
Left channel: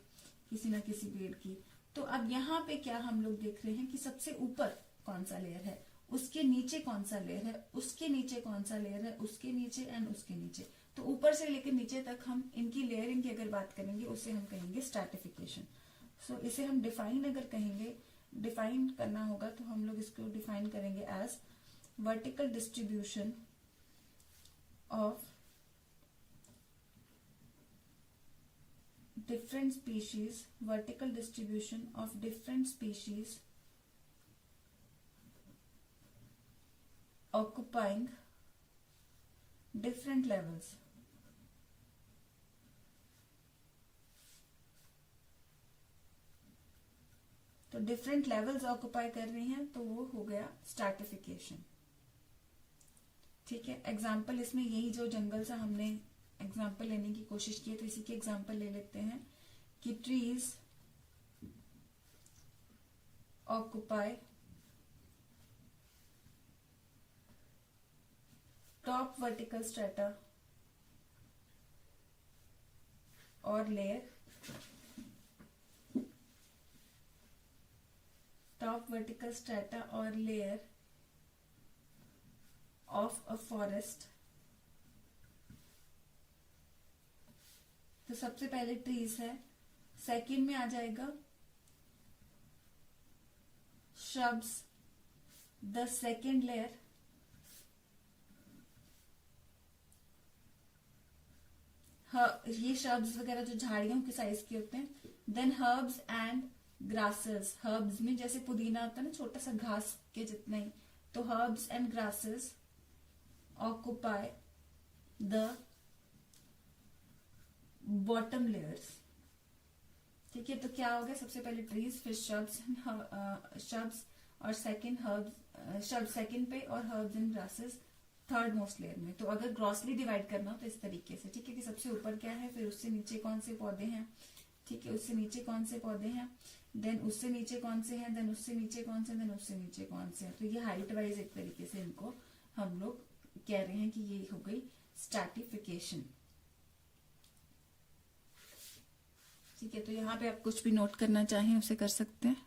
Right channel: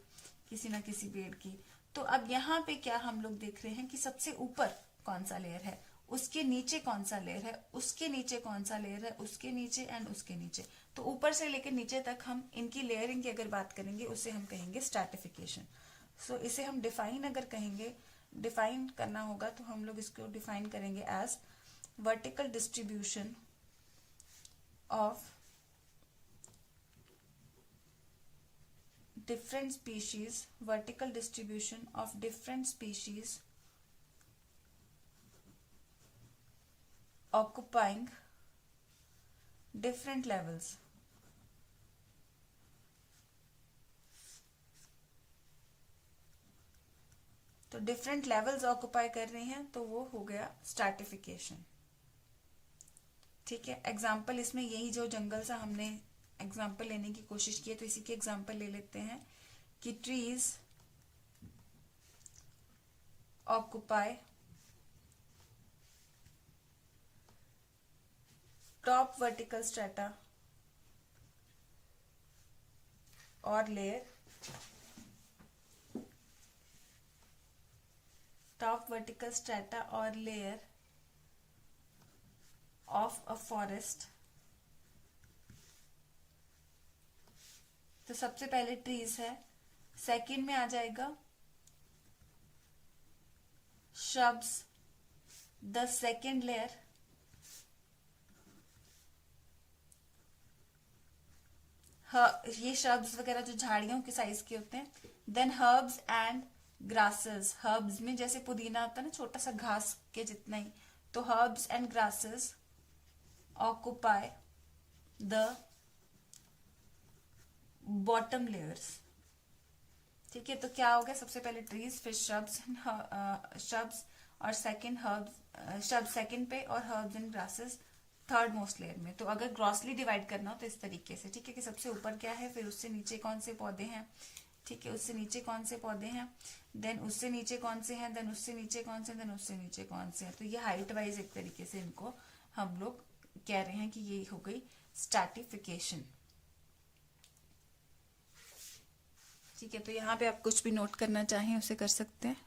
किसी ना किसी पेड़ की। तो अब यहाँ पे क्या हम लोग देख रहे हैं कि सबसे ऊपर कौन सा लेयर है, उसके नीचे कौन सा लेयर है, उसके नीचे कौन सा लेयर है, उसके नीचे एंड उसके नीचे। तो ऊपर से लेकर नीचे तक हम इनकी लेयरिंग की अगर बात करेंगे, उसे हम कहेंगे स्ट्रैटिफिकेशन। सो इसे हम डिफाइन अगर कहेंगे, डिफाइन करना होगा तो हम लोग इसको डिफाइन करेंगे as vertical distribution of different species, vertical distribution of different species occupying different levels. तो डिफरेंट लेवल्स ऑक्युपाई कर रहे हैं, तो वो हो गया स्ट्रैटिफिकेशन। ठीक है, एग्जाम्पल इसमें यही जो जंगल सा हमने एग्जाम्पल लेने की कोशिश की है, तो इसी के एग्जाम्पल ले लेते हैं कि trees occupy top vertical strata और लेयर, टॉप वर्टिकल स्ट्रेटा और लेयर ऑफ अ फॉरेस्ट। तो सबसे पहले ट्रीज है, सेकंड में आ जाएगा shrubs, द सेकंड लेयर ये shrubs वगैरह जो झाड़ियों के साइज के होते हैं। Then herbs and grasses, herbs में जैसे पुदीना होता है ना, छोटा सा घास के जितना ही, तो herbs and grasses occupy the bottom layers. ठीक है, तो क्या हो गया, सबसे पहले ट्रीज, फिर श्रब्स और सेकंड हर्ब्स, श्रब्स सेकंड पे और herbs and grasses third most layer में। तो अगर ग्रॉसली डिवाइड करना हो तो इस तरीके से, ठीक है, कि सबसे ऊपर क्या है, फिर उससे नीचे कौन से पौधे हैं, ठीक है, उससे नीचे कौन से पौधे हैं, देन उससे नीचे कौन से हैं, देन उससे नीचे कौन से, देन उससे नीचे कौन से हैं। तो ये हाइट वाइज एक तरीके से इनको हम लोग कह रहे हैं कि ये हो गई स्ट्रैटिफिकेशन। ठीक है, तो यहाँ पे आप कुछ भी नोट करना चाहें उसे कर सकते हैं।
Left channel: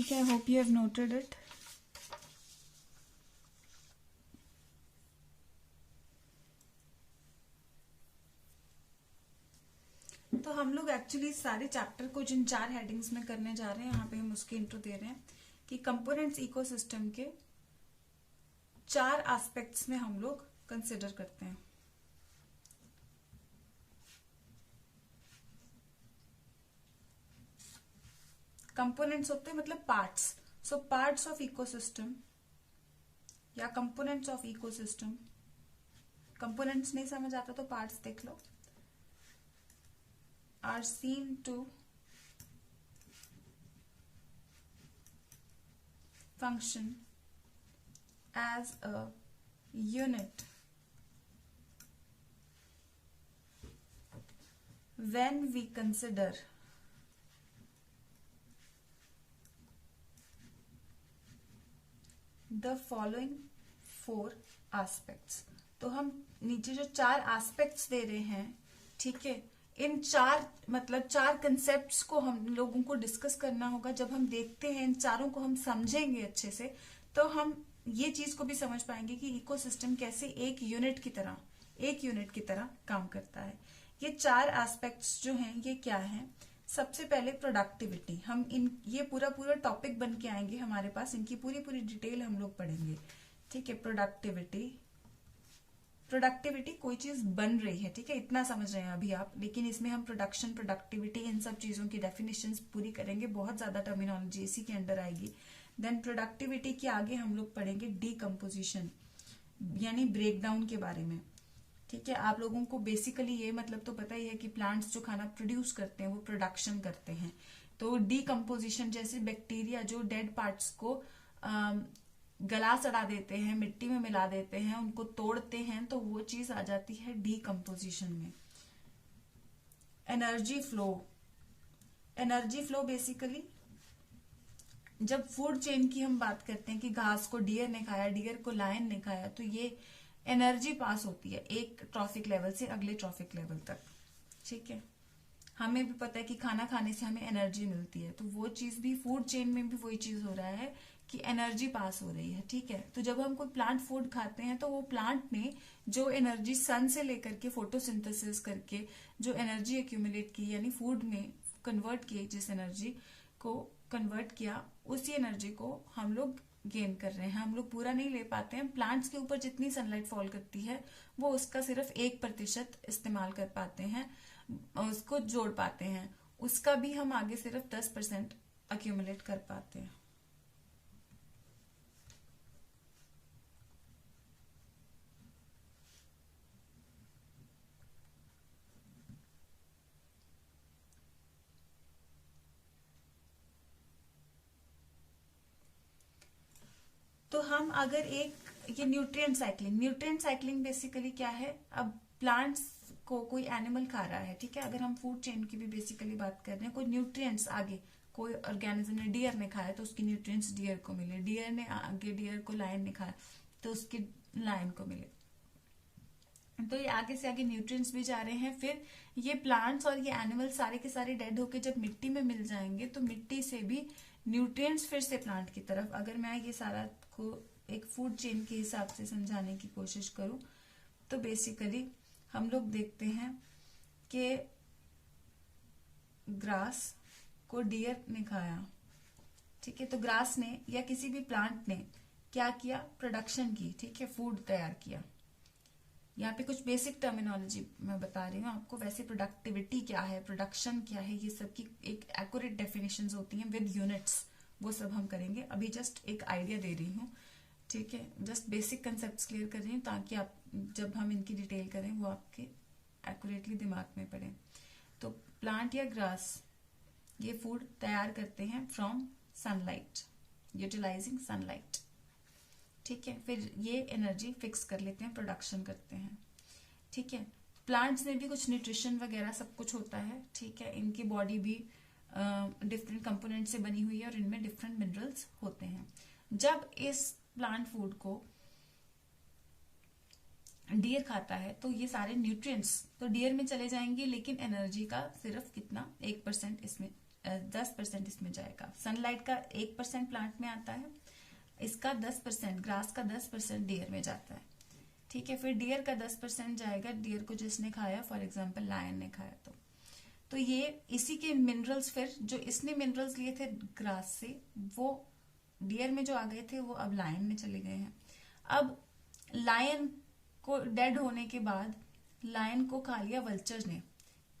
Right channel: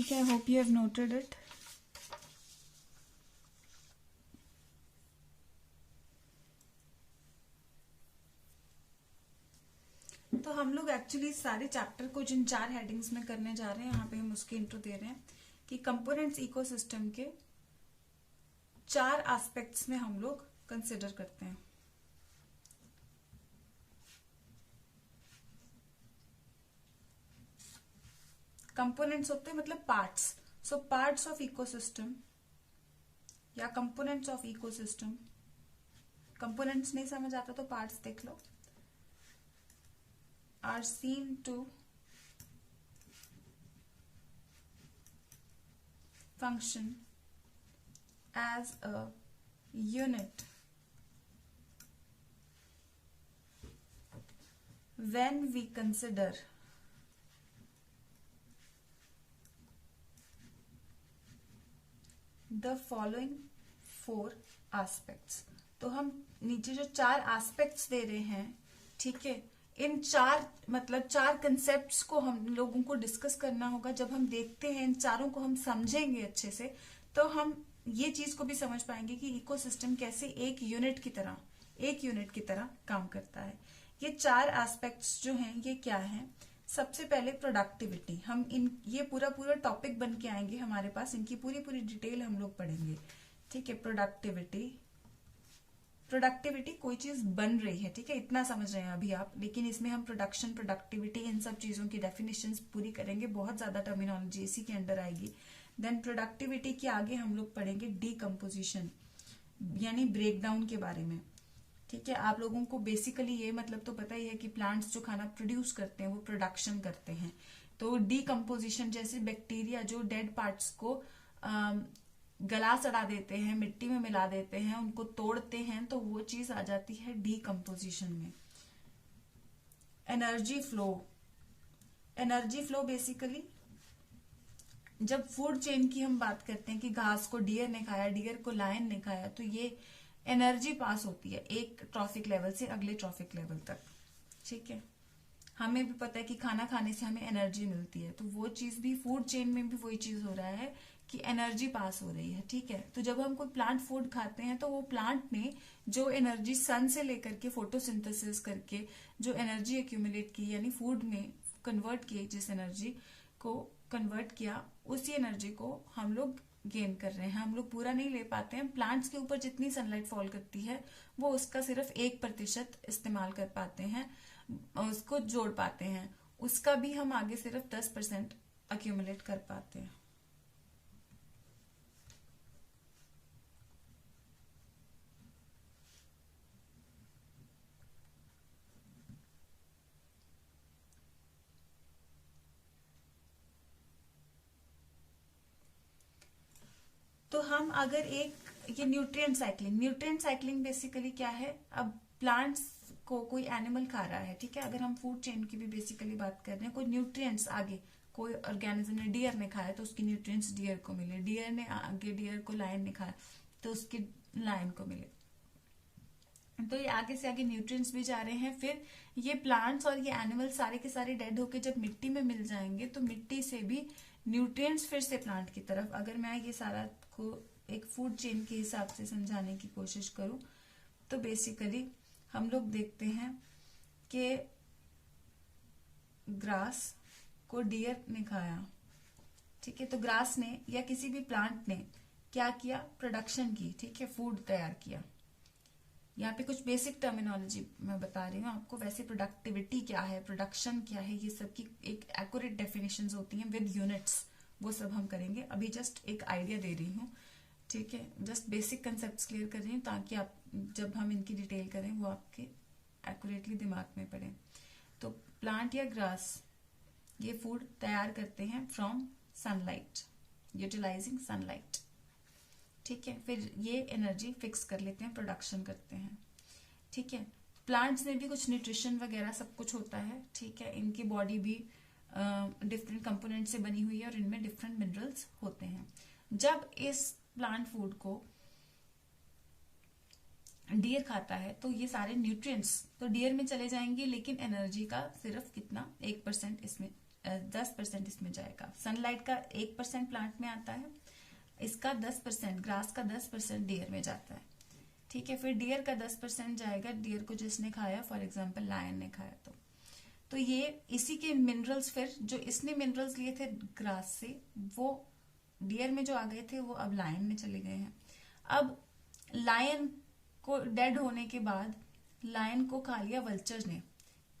ठीक है, I hope you have noted it. तो हम लोग एक्चुअली सारे चैप्टर को जिन 4 हेडिंग्स में करने जा रहे हैं, यहाँ पे हम उसके इंट्रो दे रहे हैं कि कंपोनेंट्स इकोसिस्टम के 4 एस्पेक्ट्स में हम लोग कंसिडर करते हैं। कंपोनेंट्स होते हैं मतलब parts. So parts of ecosystem या कंपोनेंट्स ऑफ इकोसिस्टम, कंपोनेंट्स नहीं समझ आता तो पार्ट्स देख लो, are seen to function as a unit when we consider the following 4 aspects। तो हम नीचे जो 4 एस्पेक्ट्स दे रहे हैं, ठीक है, इन 4 कंसेप्ट्स को हम लोगों को डिस्कस करना होगा। जब हम देखते हैं इन चारों को, हम समझेंगे अच्छे से, तो हम ये चीज को भी समझ पाएंगे कि इकोसिस्टम कैसे एक यूनिट की तरह काम करता है। ये 4 एस्पेक्ट्स जो हैं ये क्या हैं? सबसे पहले प्रोडक्टिविटी। हम ये पूरा टॉपिक बन के आएंगे हमारे पास, इनकी पूरी डिटेल हम लोग पढ़ेंगे, ठीक है। प्रोडक्टिविटी कोई चीज बन रही है, ठीक है, इतना समझ रहे हैं अभी आप, लेकिन इसमें हम प्रोडक्शन, प्रोडक्टिविटी, इन सब चीजों की डेफिनेशंस पूरी करेंगे। बहुत ज्यादा टर्मिनोलॉजी इसी के अंडर आएगी। देन प्रोडक्टिविटी के आगे हम लोग पढ़ेंगे डीकम्पोजिशन, यानी ब्रेकडाउन के बारे में, ठीक है। आप लोगों को बेसिकली ये मतलब तो पता ही है कि प्लांट्स जो खाना प्रोड्यूस करते हैं वो प्रोडक्शन करते हैं। तो डीकम्पोजिशन जैसे बैक्टीरिया जो डेड पार्ट्स को गला सड़ा देते हैं, मिट्टी में मिला देते हैं, उनको तोड़ते हैं, तो वो चीज आ जाती है डीकम्पोजिशन में। एनर्जी फ्लो बेसिकली जब फूड चेन की हम बात करते हैं कि घास को डियर ने खाया, डियर को लायन ने खाया, तो ये एनर्जी पास होती है एक ट्रॉफिक लेवल से अगले ट्रॉफिक लेवल तक, ठीक है। हमें भी पता है कि खाना खाने से हमें एनर्जी मिलती है, तो वो चीज भी फूड चेन में भी वही चीज हो रहा है कि एनर्जी पास हो रही है, ठीक है। तो जब हम कोई प्लांट फूड खाते हैं तो वो प्लांट ने जो एनर्जी सन से लेकर के फोटोसिंथेसिस करके जो एनर्जी एक्यूमुलेट की, यानी फूड में कन्वर्ट किए, जिस एनर्जी को कन्वर्ट किया, उसी एनर्जी को हम लोग गेन कर रहे हैं। हम लोग पूरा नहीं ले पाते हैं। प्लांट्स के ऊपर जितनी सनलाइट फॉल करती है वो उसका सिर्फ 1% इस्तेमाल कर पाते हैं, उसको जोड़ पाते हैं, उसका भी हम आगे सिर्फ 10% अक्यूमुलेट कर पाते हैं। तो हम अगर ये न्यूट्रिएंट साइक्लिंग बेसिकली क्या है? अब प्लांट्स को कोई एनिमल खा रहा है, ठीक है, अगर हम फूड चेन की भी बेसिकली बात कर रहे हैं, कोई न्यूट्रिएंट्स आगे कोई ऑर्गेनिज्म ने, डियर ने खाया तो उसकी न्यूट्रिएंट्स डियर को मिले, डियर ने आगे डियर को लायन ने खाया तो उसकी लायन को मिले, तो ये आगे से आगे न्यूट्रिएंट्स भी जा रहे हैं। फिर ये प्लांट्स और ये एनिमल सारे के सारे डेड होके जब मिट्टी में मिल जाएंगे तो मिट्टी से भी न्यूट्रिएंट्स फिर से प्लांट की तरफ। अगर मैं ये सारा को एक फूड चेन के हिसाब से समझाने की कोशिश करूं तो बेसिकली हम लोग देखते हैं कि ग्रास को डियर ने खाया, ठीक है, तो ग्रास ने या किसी भी प्लांट ने क्या किया? प्रोडक्शन की, ठीक है, फूड तैयार किया। यहाँ पे कुछ बेसिक टर्मिनोलॉजी मैं बता रही हूँ आपको। वैसे प्रोडक्टिविटी क्या है, प्रोडक्शन क्या है, ये सब की एक एक्यूरेट डेफिनेशंस होती हैं विद यूनिट्स, वो सब हम करेंगे। अभी जस्ट एक आइडिया दे रही हूँ, ठीक है, जस्ट बेसिक कंसेप्ट क्लियर कर रही हूँ ताकि आप जब हम इनकी डिटेल करें वो आपके एक्यूरेटली दिमाग में पड़े। तो प्लांट या ग्रास ये फूड तैयार करते हैं फ्रॉम सनलाइट, यूटिलाइजिंग सनलाइट, ठीक है। फिर ये एनर्जी फिक्स कर लेते हैं, प्रोडक्शन करते हैं, ठीक है। प्लांट्स में भी कुछ न्यूट्रिशन वगैरह सब कुछ होता है, ठीक है। इनकी बॉडी भी डिफरेंट कंपोनेंट से बनी हुई है और इनमें डिफरेंट मिनरल्स होते हैं। जब इस प्लांट फूड को डियर खाता है तो ये सारे न्यूट्रिएंट्स तो डियर में चले जाएंगे, लेकिन एनर्जी का सिर्फ कितना 1% इसमें 10% इसमें जाएगा। सनलाइट का 1% प्लांट में आता है, इसका 10%, ग्रास का 10% डियर में जाता है। ठीक है, फिर डियर का 10% जाएगा, डियर को जिसने खाया, फॉर एग्जाम्पल लायन ने खाया तो ये इसी के मिनरल्स, फिर जो इसने मिनरल्स लिए थे ग्रास से, वो डियर में जो आ गए थे वो अब लायन में चले गए हैं। अब लायन को डेड होने के बाद लायन को खा लिया वल्चर्स ने,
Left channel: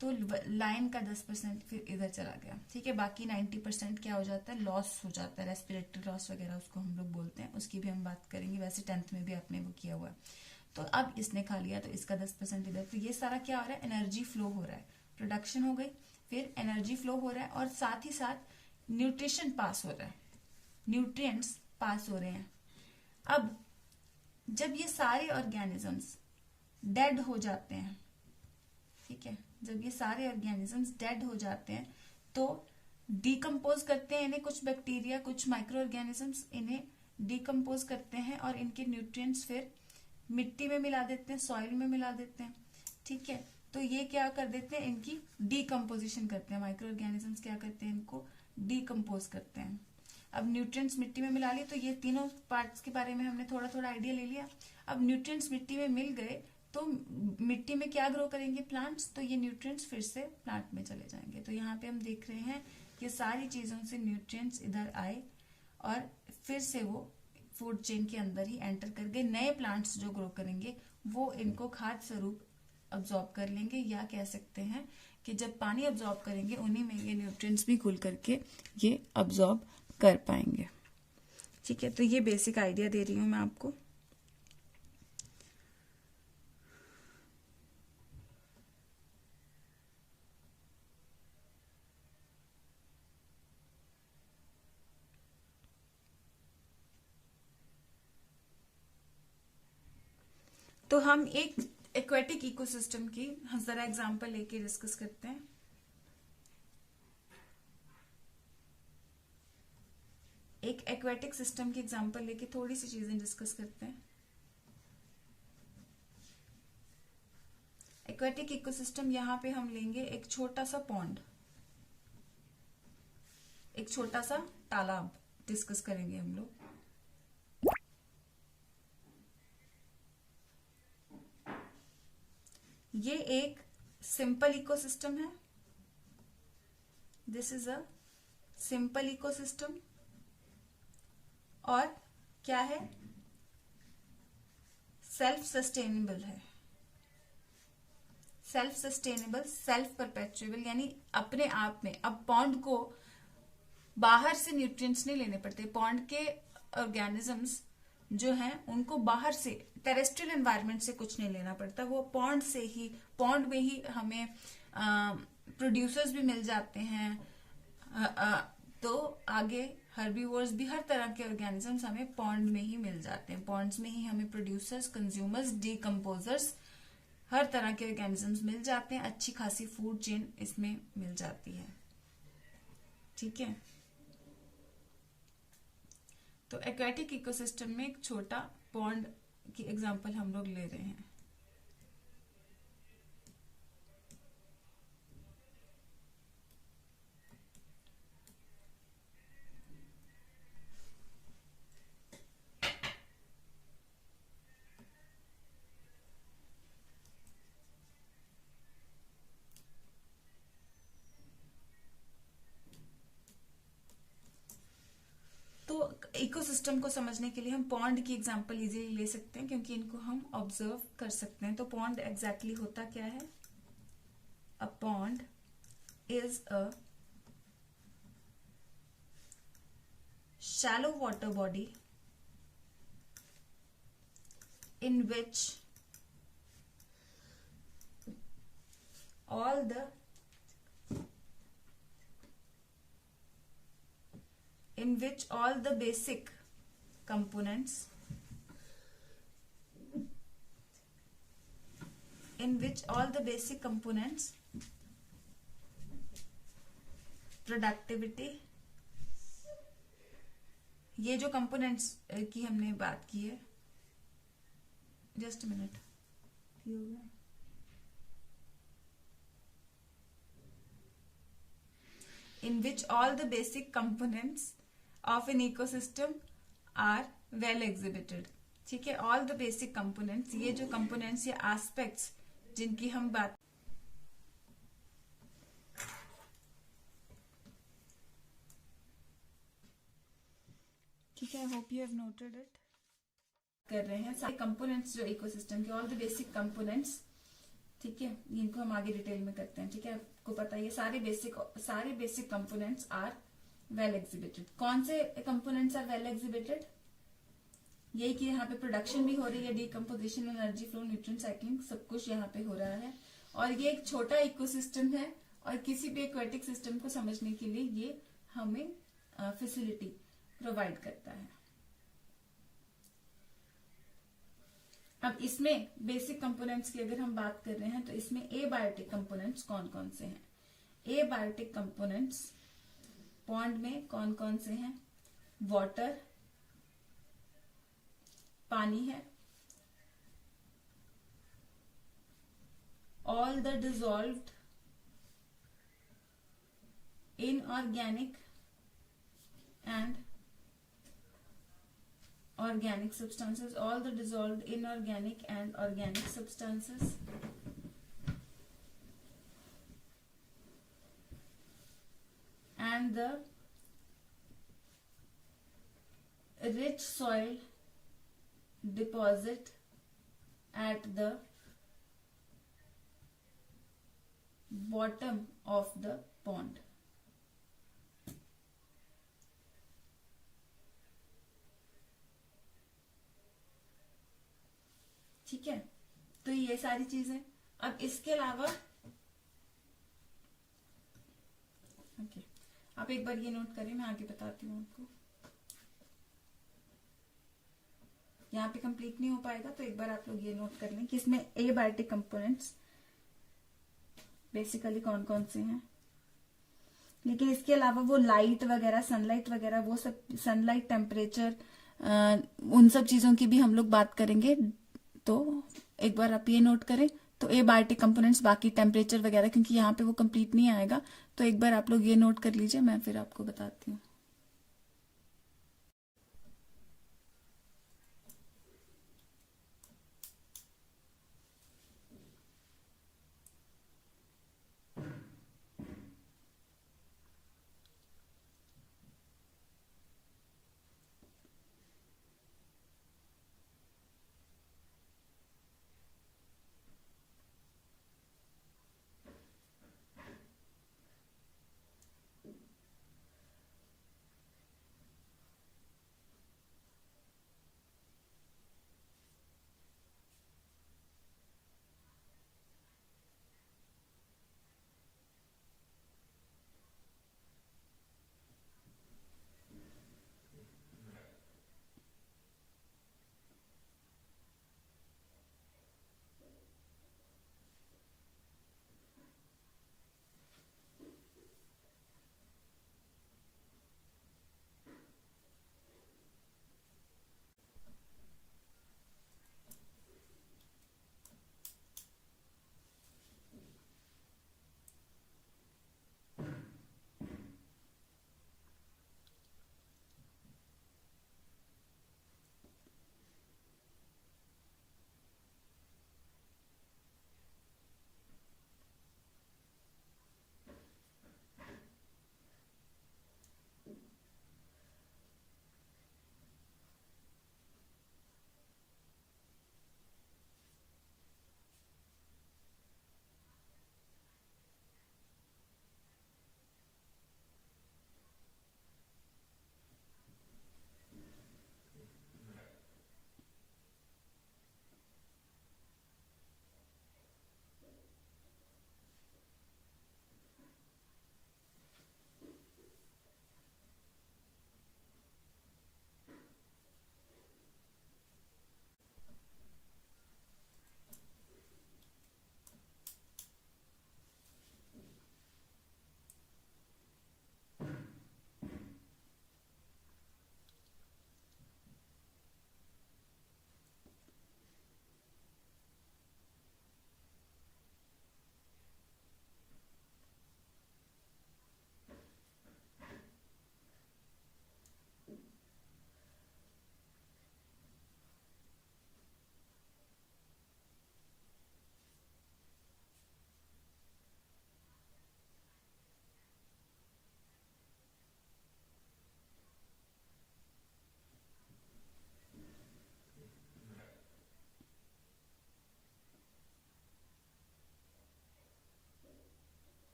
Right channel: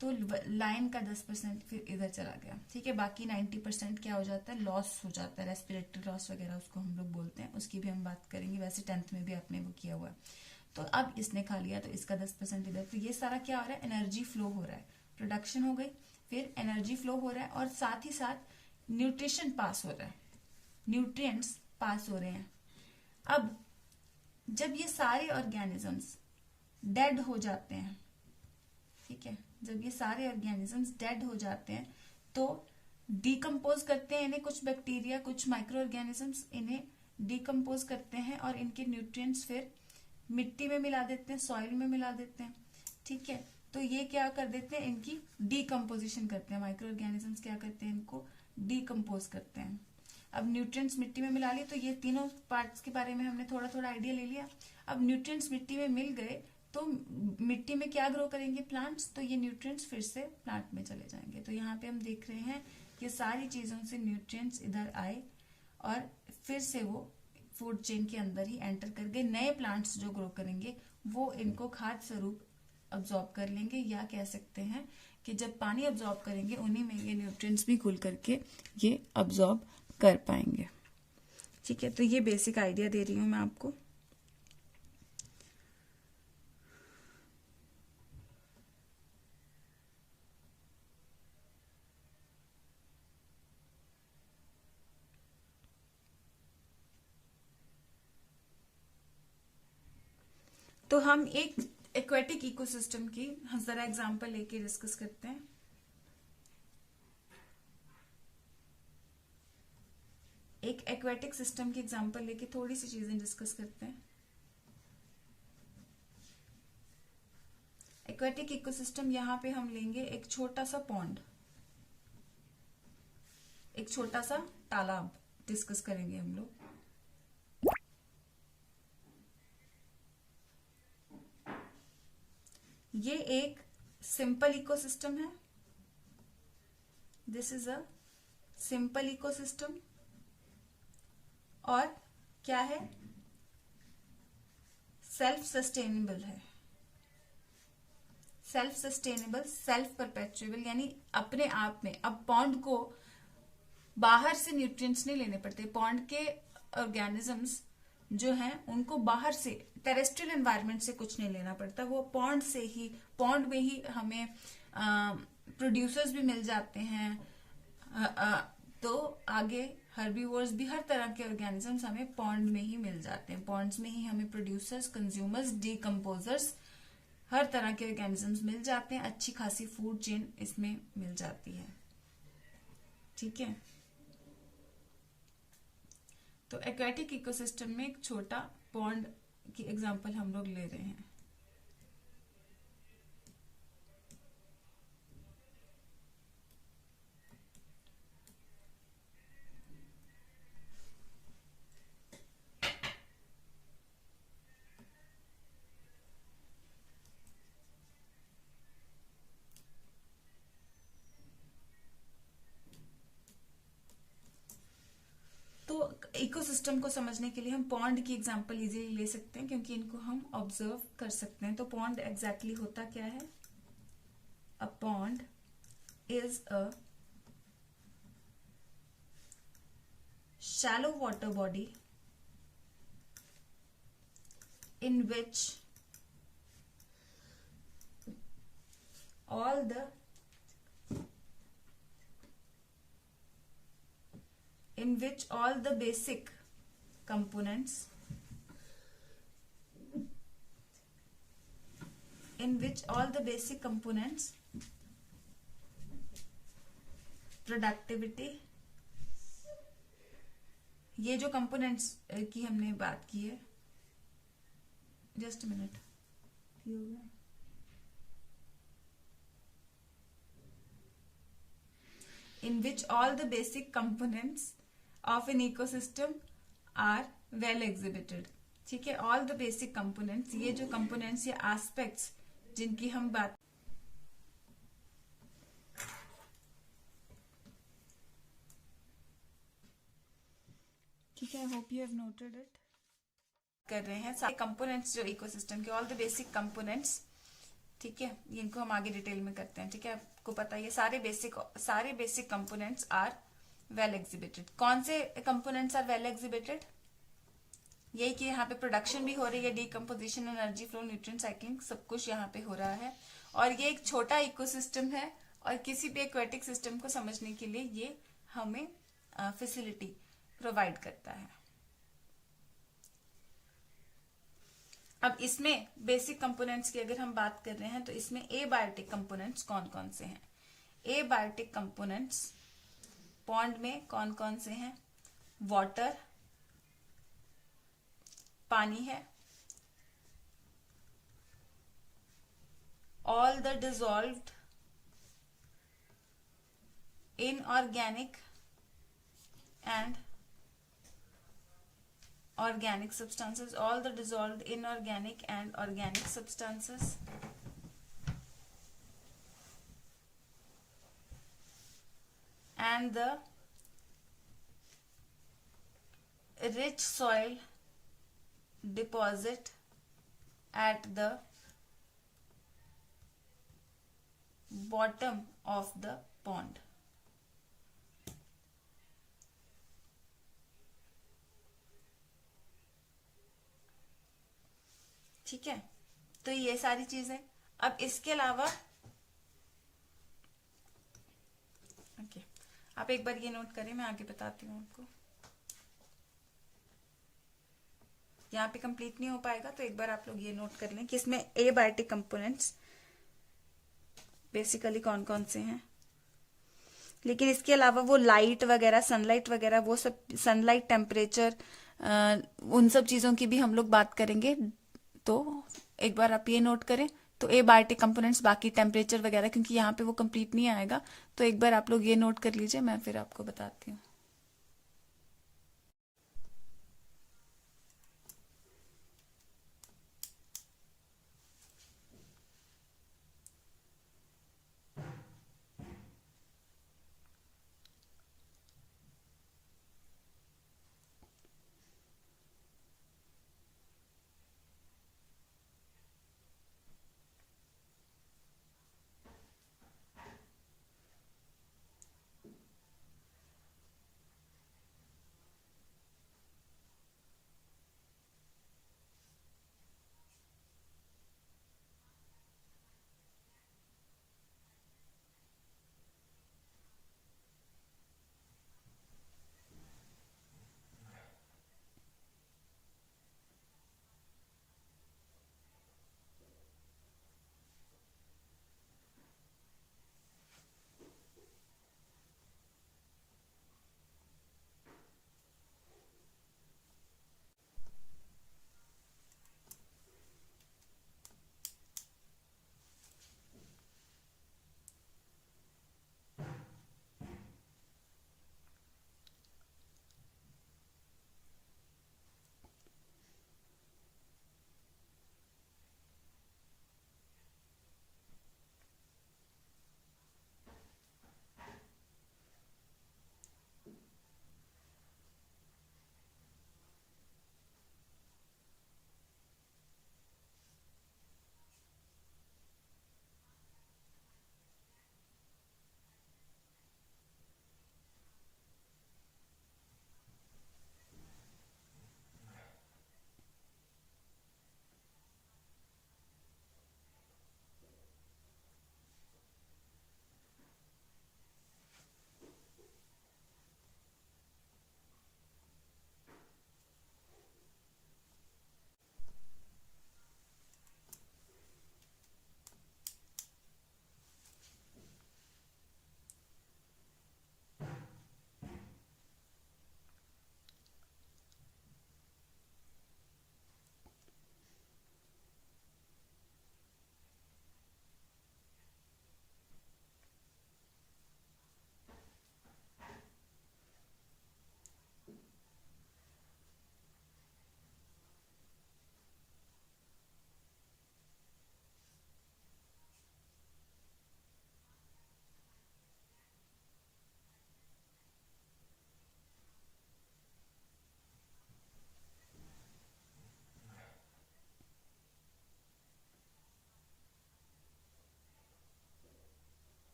तो लायन का 10% फिर इधर चला गया। ठीक है, बाकी 90% क्या हो जाता है, लॉस हो जाता है, रेस्पिरेटरी लॉस वगैरह उसको हम लोग बोलते हैं, उसकी भी हम बात करेंगे। वैसे 10th में भी आपने वो किया हुआ है। तो अब इसने खा लिया तो इसका 10% इधर, तो ये सारा क्या हो रहा है, एनर्जी फ्लो हो रहा है, प्रोडक्शन हो गई, फिर एनर्जी फ्लो हो रहा है, और साथ ही साथ न्यूट्रिशन पास हो रहा है, न्यूट्रिएंट्स पास हो रहे हैं। अब जब ये सारे ऑर्गेनिजम्स डेड हो जाते हैं, ठीक है, जब ये सारे ऑर्गेनिजम्स डेड हो जाते हैं तो डिकम्पोज करते हैं इन्हें, कुछ बैक्टीरिया, कुछ माइक्रो ऑर्गेनिजम्स इन्हें डिकम्पोज करते हैं और इनके न्यूट्रिएंट्स फिर मिट्टी में मिला देते हैं, सॉइल में मिला देते हैं। ठीक है, तो ये क्या कर देते हैं, इनकी डीकम्पोजिशन करते हैं। माइक्रो ऑर्गेनिजम्स क्या करते हैं, इनको डीकम्पोज करते हैं। अब न्यूट्रिएंट्स मिट्टी में मिला लिए, तो ये तीनों पार्ट्स के बारे में हमने थोड़ा थोड़ा आइडिया ले लिया। अब न्यूट्रिएंट्स मिट्टी में मिल गए तो मिट्टी में क्या ग्रो करेंगे, प्लांट्स, तो ये न्यूट्रिएंट्स फिर से प्लांट में चले जाएंगे। तो यहाँ पे हम देख रहे हैं ये सारी चीजों से न्यूट्रिएंट्स इधर आए और फिर से वो फूड चेन के अंदर ही एंटर कर गए। नए प्लांट्स जो ग्रो करेंगे वो इनको खाद्य स्वरूप अब्सॉर्ब कर लेंगे, या कह सकते हैं कि जब पानी अब्सॉर्ब करेंगे उन्हीं में ये न्यूट्रिएंट्स भी घुल करके ये अब्सॉर्ब कर पाएंगे। ठीक है, तो ये बेसिक आइडिया दे रही हूं मैं आपको। तो हम एक एक्वेटिक इकोसिस्टम की जरा एग्जांपल लेके डिस्कस करते हैं। एक एक्वेटिक सिस्टम की एग्जांपल लेके थोड़ी सी चीजें डिस्कस करते हैं। एक्वेटिक इकोसिस्टम, यहां पे हम लेंगे एक छोटा सा पॉन्ड, एक छोटा सा तालाब डिस्कस करेंगे हम लोग। ये एक सिंपल इकोसिस्टम है, this is a simple ecosystem. और क्या है, सेल्फ सस्टेनेबल है, सेल्फ सस्टेनेबल, सेल्फ परपेचुएबल, यानी अपने आप में। अब पॉन्ड को बाहर से न्यूट्रिएंट्स नहीं लेने पड़ते, पॉन्ड के ऑर्गेनिजम्स जो हैं उनको बाहर से टेरेस्ट्रियल एनवायरनमेंट से कुछ नहीं लेना पड़ता, वो पॉन्ड से ही, पॉन्ड में ही हमें प्रोड्यूसर्स भी मिल जाते हैं। तो आगे हर्बीवोर्स भी, हर तरह के ऑर्गेनिजम्स हमें पॉन्ड में ही मिल जाते हैं। पॉन्ड्स में ही हमें प्रोड्यूसर्स, कंज्यूमर्स, डीकम्पोजर्स, हर तरह के ऑर्गेनिजम्स मिल जाते हैं। अच्छी खासी फूड चेन इसमें मिल जाती है। ठीक है, तो एक्वेटिक इकोसिस्टम में एक छोटा पॉन्ड की एग्जांपल हम लोग ले रहे हैं। इकोसिस्टम को समझने के लिए हम पॉन्ड की एग्जांपल इजीली ले सकते हैं, क्योंकि इनको हम ऑब्जर्व कर सकते हैं। तो पॉन्ड एग्जैक्टली होता क्या है, a pond is a shallow water body in which all the basic components productivity, ये जो कंपोनेंट्स की हमने बात की है, जस्ट मिनट, ये हो गया। in which all the basic components of an ecosystem are well exhibited. ठीक है, all the basic components, ये जो components या aspects जिनकी हम बात ठीक है, hope you have noted it कर रहे हैं सारे कंपोनेंट्स जो इकोसिस्टम के, ऑल द बेसिक कंपोनेंट्स, ठीक है, इनको हम आगे डिटेल में करते हैं। ठीक है, आपको पता है ये सारे basic components are well exhibited. कौन से कंपोनेंट्स आर वेल एग्जिबिटेड? यही कि यहाँ पे प्रोडक्शन भी हो रही है, decomposition, energy flow, nutrient cycling, सब कुछ यहाँ पे हो रहा है। और ये एक छोटा इकोसिस्टम है और किसी भी एक्वेटिक सिस्टम को समझने के लिए ये हमें फैसिलिटी प्रोवाइड करता है। अब इसमें बेसिक कंपोनेंट्स की अगर हम बात कर रहे हैं तो इसमें एबायोटिक कंपोनेंट्स कौन कौन से हैं? एबायोटिक कंपोनेंट्स पॉन्ड में कौन कौन से हैं? वाटर, पानी है, all the dissolved inorganic and organic substances, all the dissolved inorganic and organic substances, and the rich soil deposit at the bottom of the pond. ठीक है, तो ये सारी चीजें। अब इसके अलावा ओके, आप एक बार ये नोट करें, मैं आगे बताती हूँ आपको। यहाँ पे कंप्लीट नहीं हो पाएगा तो एक बार आप लोग ये नोट कर लें कि इसमें एबायोटिक कंपोनेंट्स बेसिकली कौन कौन से हैं। लेकिन इसके अलावा वो लाइट वगैरह, सनलाइट वगैरह, वो सब, सनलाइट, टेम्परेचर, उन सब चीजों की भी हम लोग बात करेंगे। तो एक बार आप ये नोट करें, तो एबायोटिक कंपोनेंट्स, बाकी टेम्परेचर वगैरह, क्योंकि यहाँ पे वो कंप्लीट नहीं आएगा, तो एक बार आप लोग ये नोट कर लीजिए, मैं फिर आपको बताती हूँ।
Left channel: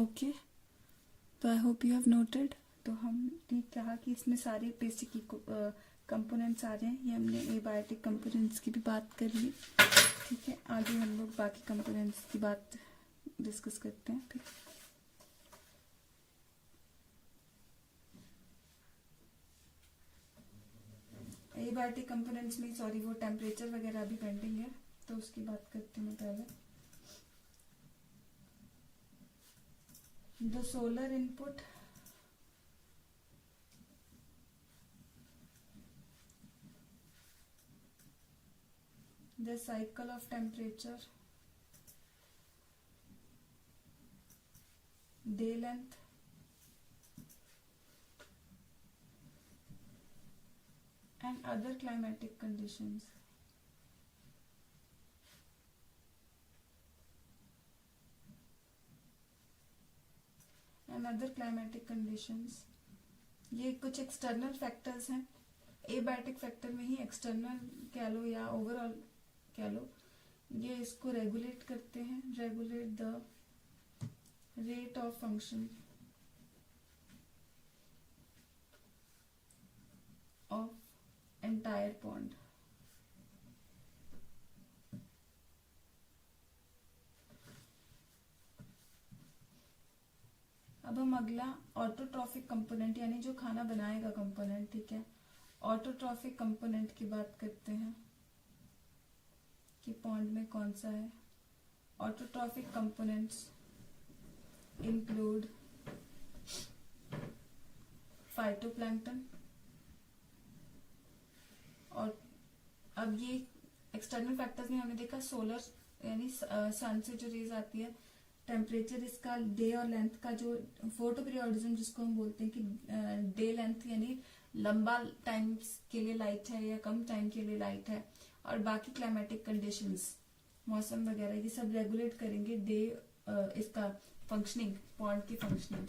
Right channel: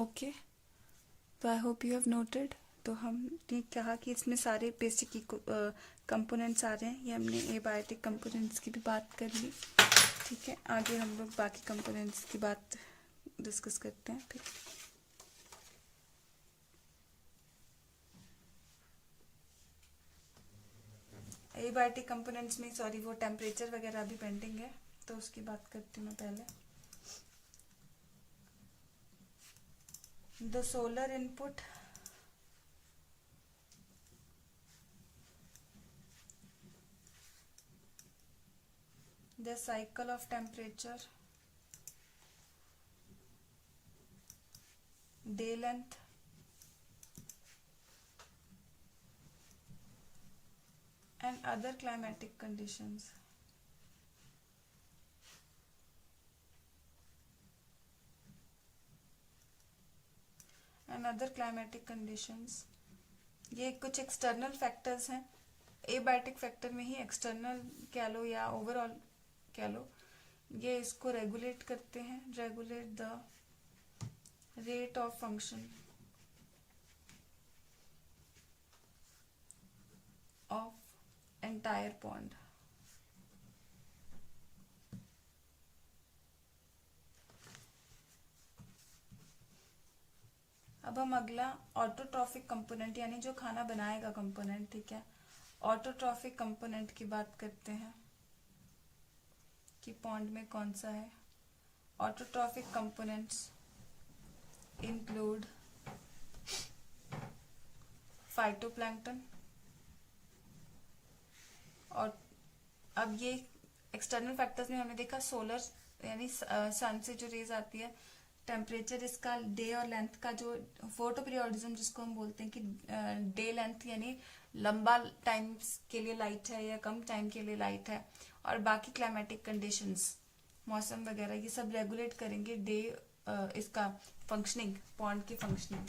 ओके, तो I hope you have noted. तो हमने कहा कि इसमें सारे बेसिक कंपोनेंट्स आ रहे हैं, ये हमने एबायोटिक कंपोनेंट्स की भी बात कर ली। ठीक है, आगे हम लोग बाकी कंपोनेंट्स की बात डिस्कस करते हैं फिर। एबायोटिक कंपोनेंट्स में सॉरी वो टेम्परेचर वगैरह भी पेंडिंग है, तो उसकी बात करती हूँ मैं पहले। The solar input the cycle of temperature, day length, and other climatic conditions. ये कुछ एक्सटर्नल फैक्टर्स हैं। एबायोटिक फैक्टर में ही एक्सटर्नल कह लो या ओवरऑल कह लो, ये इसको रेगुलेट करते हैं, regulate the rate of function of entire pond. अब हम अगला ऑटोट्रॉफिक कंपोनेंट यानी जो खाना बनाएगा कंपोनेंट, ठीक है, ऑटोट्रॉफिक कंपोनेंट की बात करते हैं कि पॉन्ड में कौन सा है। ऑटोट्रॉफिक कंपोनेंट्स इंक्लूड फाइटोप्लैंक्टन, और अब ये एक्सटर्नल फैक्टर्स में हमने देखा सोलर यानी सन से जो रेज आती है, टेम्परेचर इसका, डे और लेंथ का जो फोटो पीरियोडिज्म जिसको हम बोलते हैं कि डे लेंथ यानी लंबा टाइम के लिए लाइट है या कम टाइम के लिए लाइट है, और बाकी क्लाइमेटिक कंडीशंस मौसम वगैरह ये सब रेगुलेट करेंगे डे इसका फंक्शनिंग, पॉन्ड की फंक्शनिंग।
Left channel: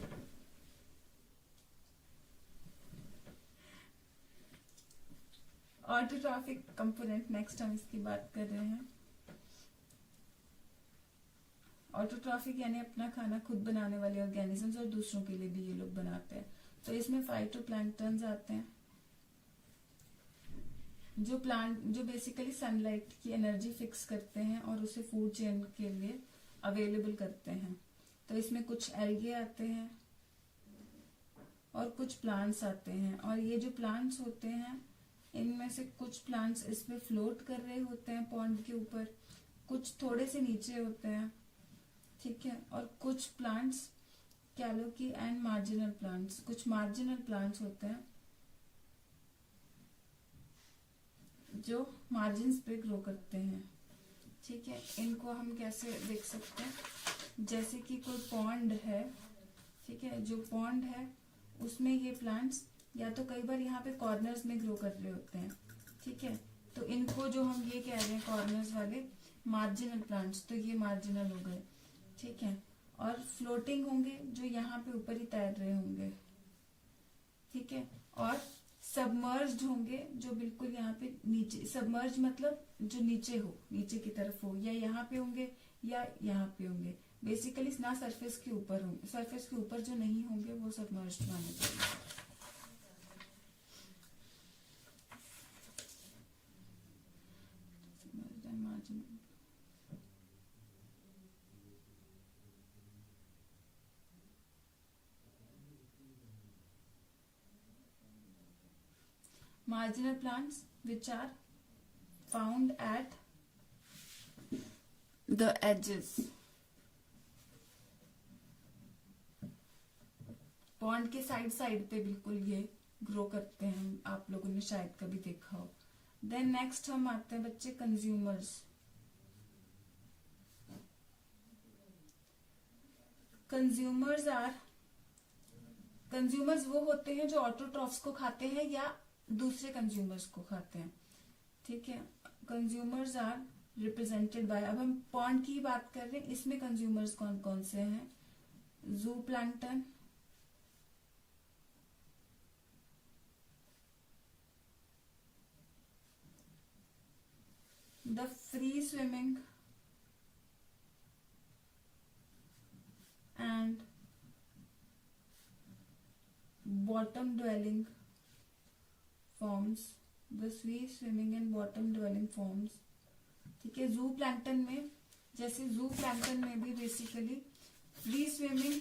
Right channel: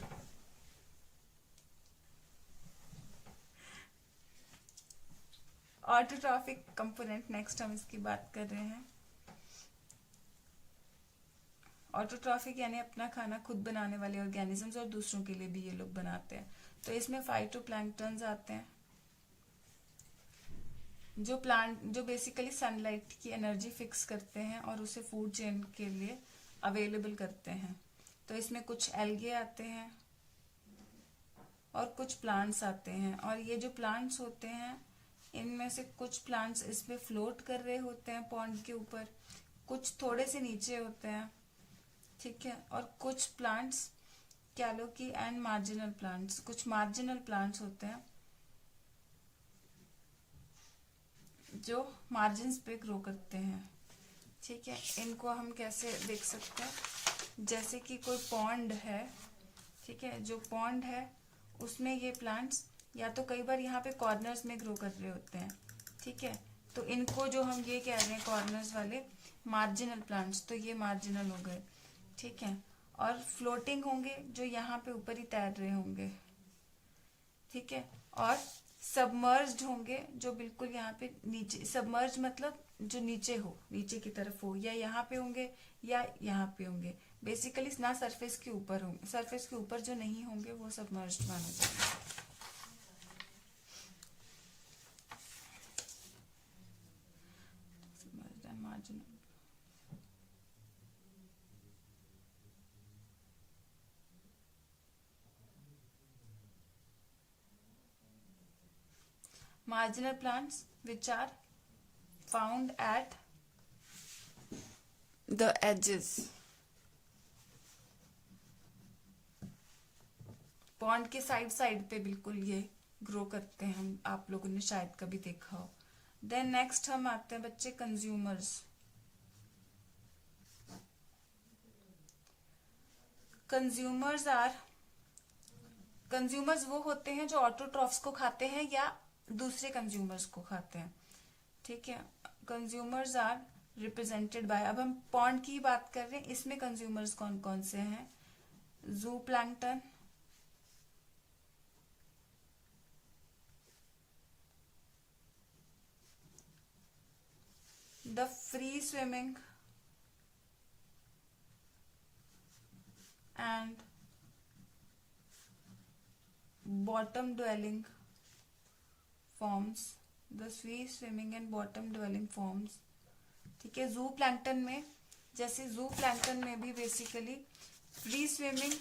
ऑटोट्रॉफिक कंपोनेंट नेक्स्ट हम इसकी बात कर रहे हैं। ऑटोट्रॉफिक यानी अपना खाना खुद बनाने वाले ऑर्गेनिजम्स, और दूसरों के लिए भी ये लोग बनाते हैं। तो इसमें फाइटोप्लैंक्टन्स आते हैं जो बेसिकली सनलाइट की एनर्जी फिक्स करते हैं और उसे फूड चेन के लिए अवेलेबल करते हैं। तो इसमें कुछ एल्गे आते हैं और कुछ प्लांट्स आते हैं, और ये जो प्लांट्स होते हैं इनमें से कुछ प्लांट्स इसमें फ्लोट कर रहे होते हैं पॉन्ड के ऊपर, कुछ थोड़े से नीचे होते हैं, ठीक है, और कुछ प्लांट्स कह लो कि एंड मार्जिनल प्लांट्स, कुछ मार्जिनल प्लांट्स होते हैं जो मार्जिन्स पे ग्रो करते हैं। ठीक है, इनको हम कैसे देख सकते हैं, जैसे कि कोई पॉन्ड है, ठीक है, जो पॉन्ड है उसमें ये प्लांट्स या तो कई बार यहाँ पे कॉर्नर्स में ग्रो कर रहे होते हैं, ठीक है, तो इनको जो हम ये कह रहे हैं कॉर्नर्स वाले मार्जिनल प्लांट्स, तो ये मार्जिनल हो गए, ठीक है, और फ्लोटिंग होंगे जो यहाँ पे ऊपर ही तैर रहे होंगे, ठीक है, और सबमर्ज्ड होंगे जो बिल्कुल यहाँ पे नीचे, सबमर्ज मतलब जो नीचे हो, नीचे की तरफ हो, या यहाँ पे होंगे या यहाँ पे होंगे, बेसिकली ना सरफेस के ऊपर होंगे, सरफेस के ऊपर जो नहीं होंगे वो सबमर्ज्ड माने जाएंगे। Marginal plants which are found at the edges, pond के साइड पे बिल्कुल ये ग्रो करते हैं, हम आप लोगों ने शायद कभी देखा हो। देन नेक्स्ट हम आते हैं बच्चे कंज्यूमर्स। कंज्यूमर्स वो होते हैं जो ऑटोट्रॉफ्स को खाते हैं या दूसरे कंज्यूमर्स को खाते हैं, ठीक है। कंज्यूमर्स आर रिप्रेजेंटेड बाय, अब हम पॉन्ड की बात कर रहे हैं, इसमें कंज्यूमर्स कौन कौन से हैं, जू plankton, the free swimming and bottom dwelling forms, the free swimming and bottom dwelling forms. ठीक है, जू प्लैंक्टन में, जैसे जू प्लैंक्टन में भी बेसिकली फ्री स्विमिंग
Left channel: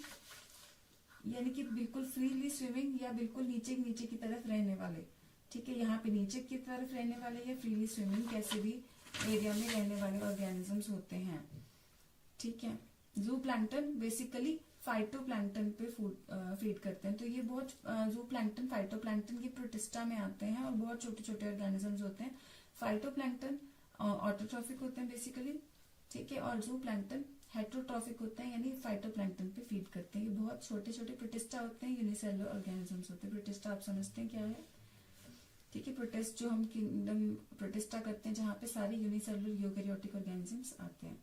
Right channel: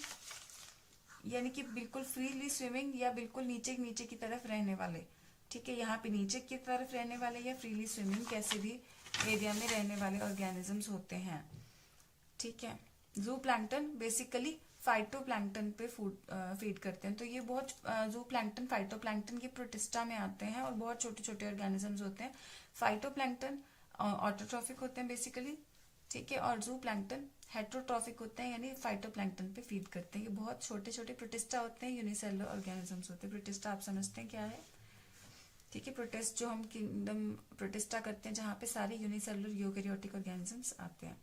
यानी कि बिल्कुल फ्रीली स्विमिंग या बिल्कुल नीचे नीचे की तरफ रहने वाले, ठीक है, यहाँ पे नीचे की तरफ रहने वाले या फ्रीली स्विमिंग कैसे भी एरिया में रहने वाले ऑर्गेनिजम्स होते हैं. ठीक है, जू प्लैंक्टन बेसिकली फाइटोप्लैंक्टन पे फीड करते हैं. तो ये बहुत जू प्लैंक्टन फाइटोप्लैंक्टन की प्रोटिस्टा में आते हैं और बहुत छोटे छोटे ऑर्गेनिजम्स होते हैं. फाइटोप्लैंक्टन ऑटोट्रॉफिक होते हैं बेसिकली, ठीक है, और जू प्लैंक्टन हेट्रोट्रॉफिक होते हैं यानी फाइटोप्लैंक्टन पे फीड करते हैं. ये बहुत छोटे छोटे प्रोटिस्टा होते हैं, यूनिसेलुलर ऑर्गेनिजम्स होते हैं. प्रोटिस्टा आप समझते हैं क्या है, ठीक है, प्रोटिस्ट जो हम किंगडम प्रोटिस्टा करते हैं जहां पे सारे यूनिसेलुलर यूकेरियोटिक ऑर्गेनिजम्स आते हैं.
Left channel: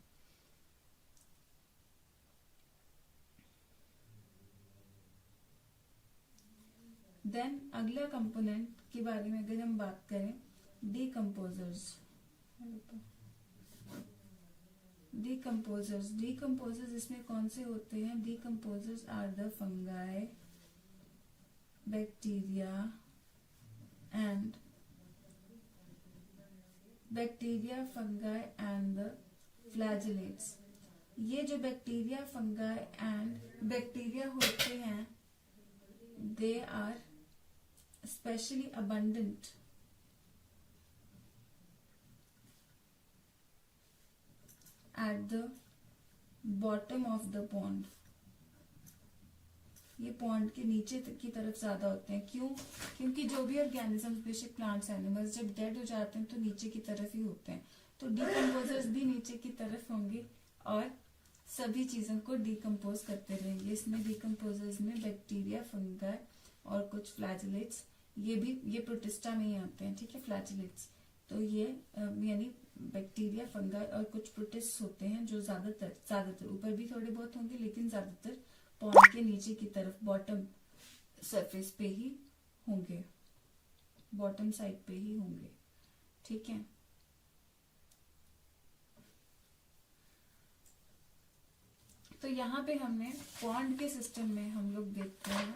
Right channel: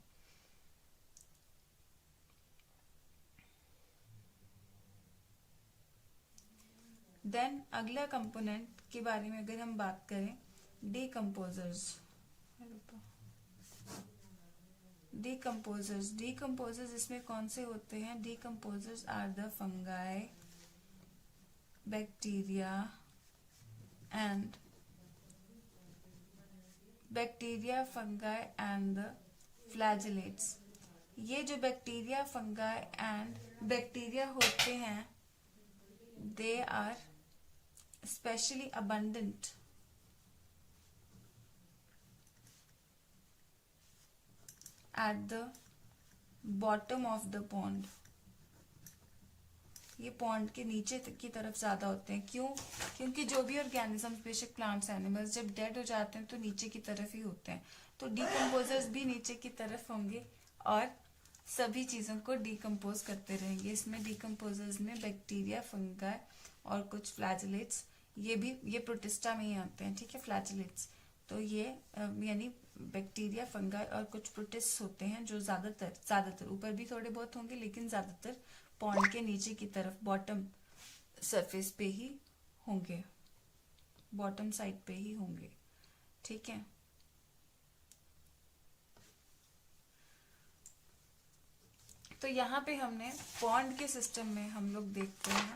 देन अगला कंपोनेंट के बारे में अगर हम बात करें, डीकम्पोजर्स. डीकम्पोजर्स इसमें कौन से होते हैं? Decomposers are the fungi, bacteria fungi and the flagellates. ये जो बैक्टीरिया फंगाई एंड बैक्टीरिया होते हैं, they are specially abundant at the bottom of the pond. ये पॉन्ड के नीचे की तरफ ज्यादा होते हैं. क्यों? क्योंकि जो भी ऑर्गेनिजम्स, बेशक प्लांट्स, एनिमल्स, जब डेड हो जाते हैं तो नीचे की तरफ ही होते हैं. तो डीकम्पोजर्स भी नीचे की तरफ होंगे और सभी चीजों को डीकम्पोज करते रहेंगे. इसमें डीकम्पोजर्स में बैक्टीरिया, फंगाई और कुछ फ्लैजेलेट्स, ये प्रोटिस्टा में ही आते हैं. ठीक है, फ्लैजेलेट्स. तो ये यानी बैक्टीरिया, फंगाई और कुछ प्रोटिस्ट होते हैं जो ज्यादातर ऊपर भी थोड़े बहुत होंगे लेकिन ज्यादातर पॉन्ड के नीचे की तरफ बॉटम सरफेस पे ही होंगे, बॉटम साइड पे ही होंगे. ठीक है, तो यहाँ पे हमने पॉन्ड के सिस्टम में हम लोग देखते हैं,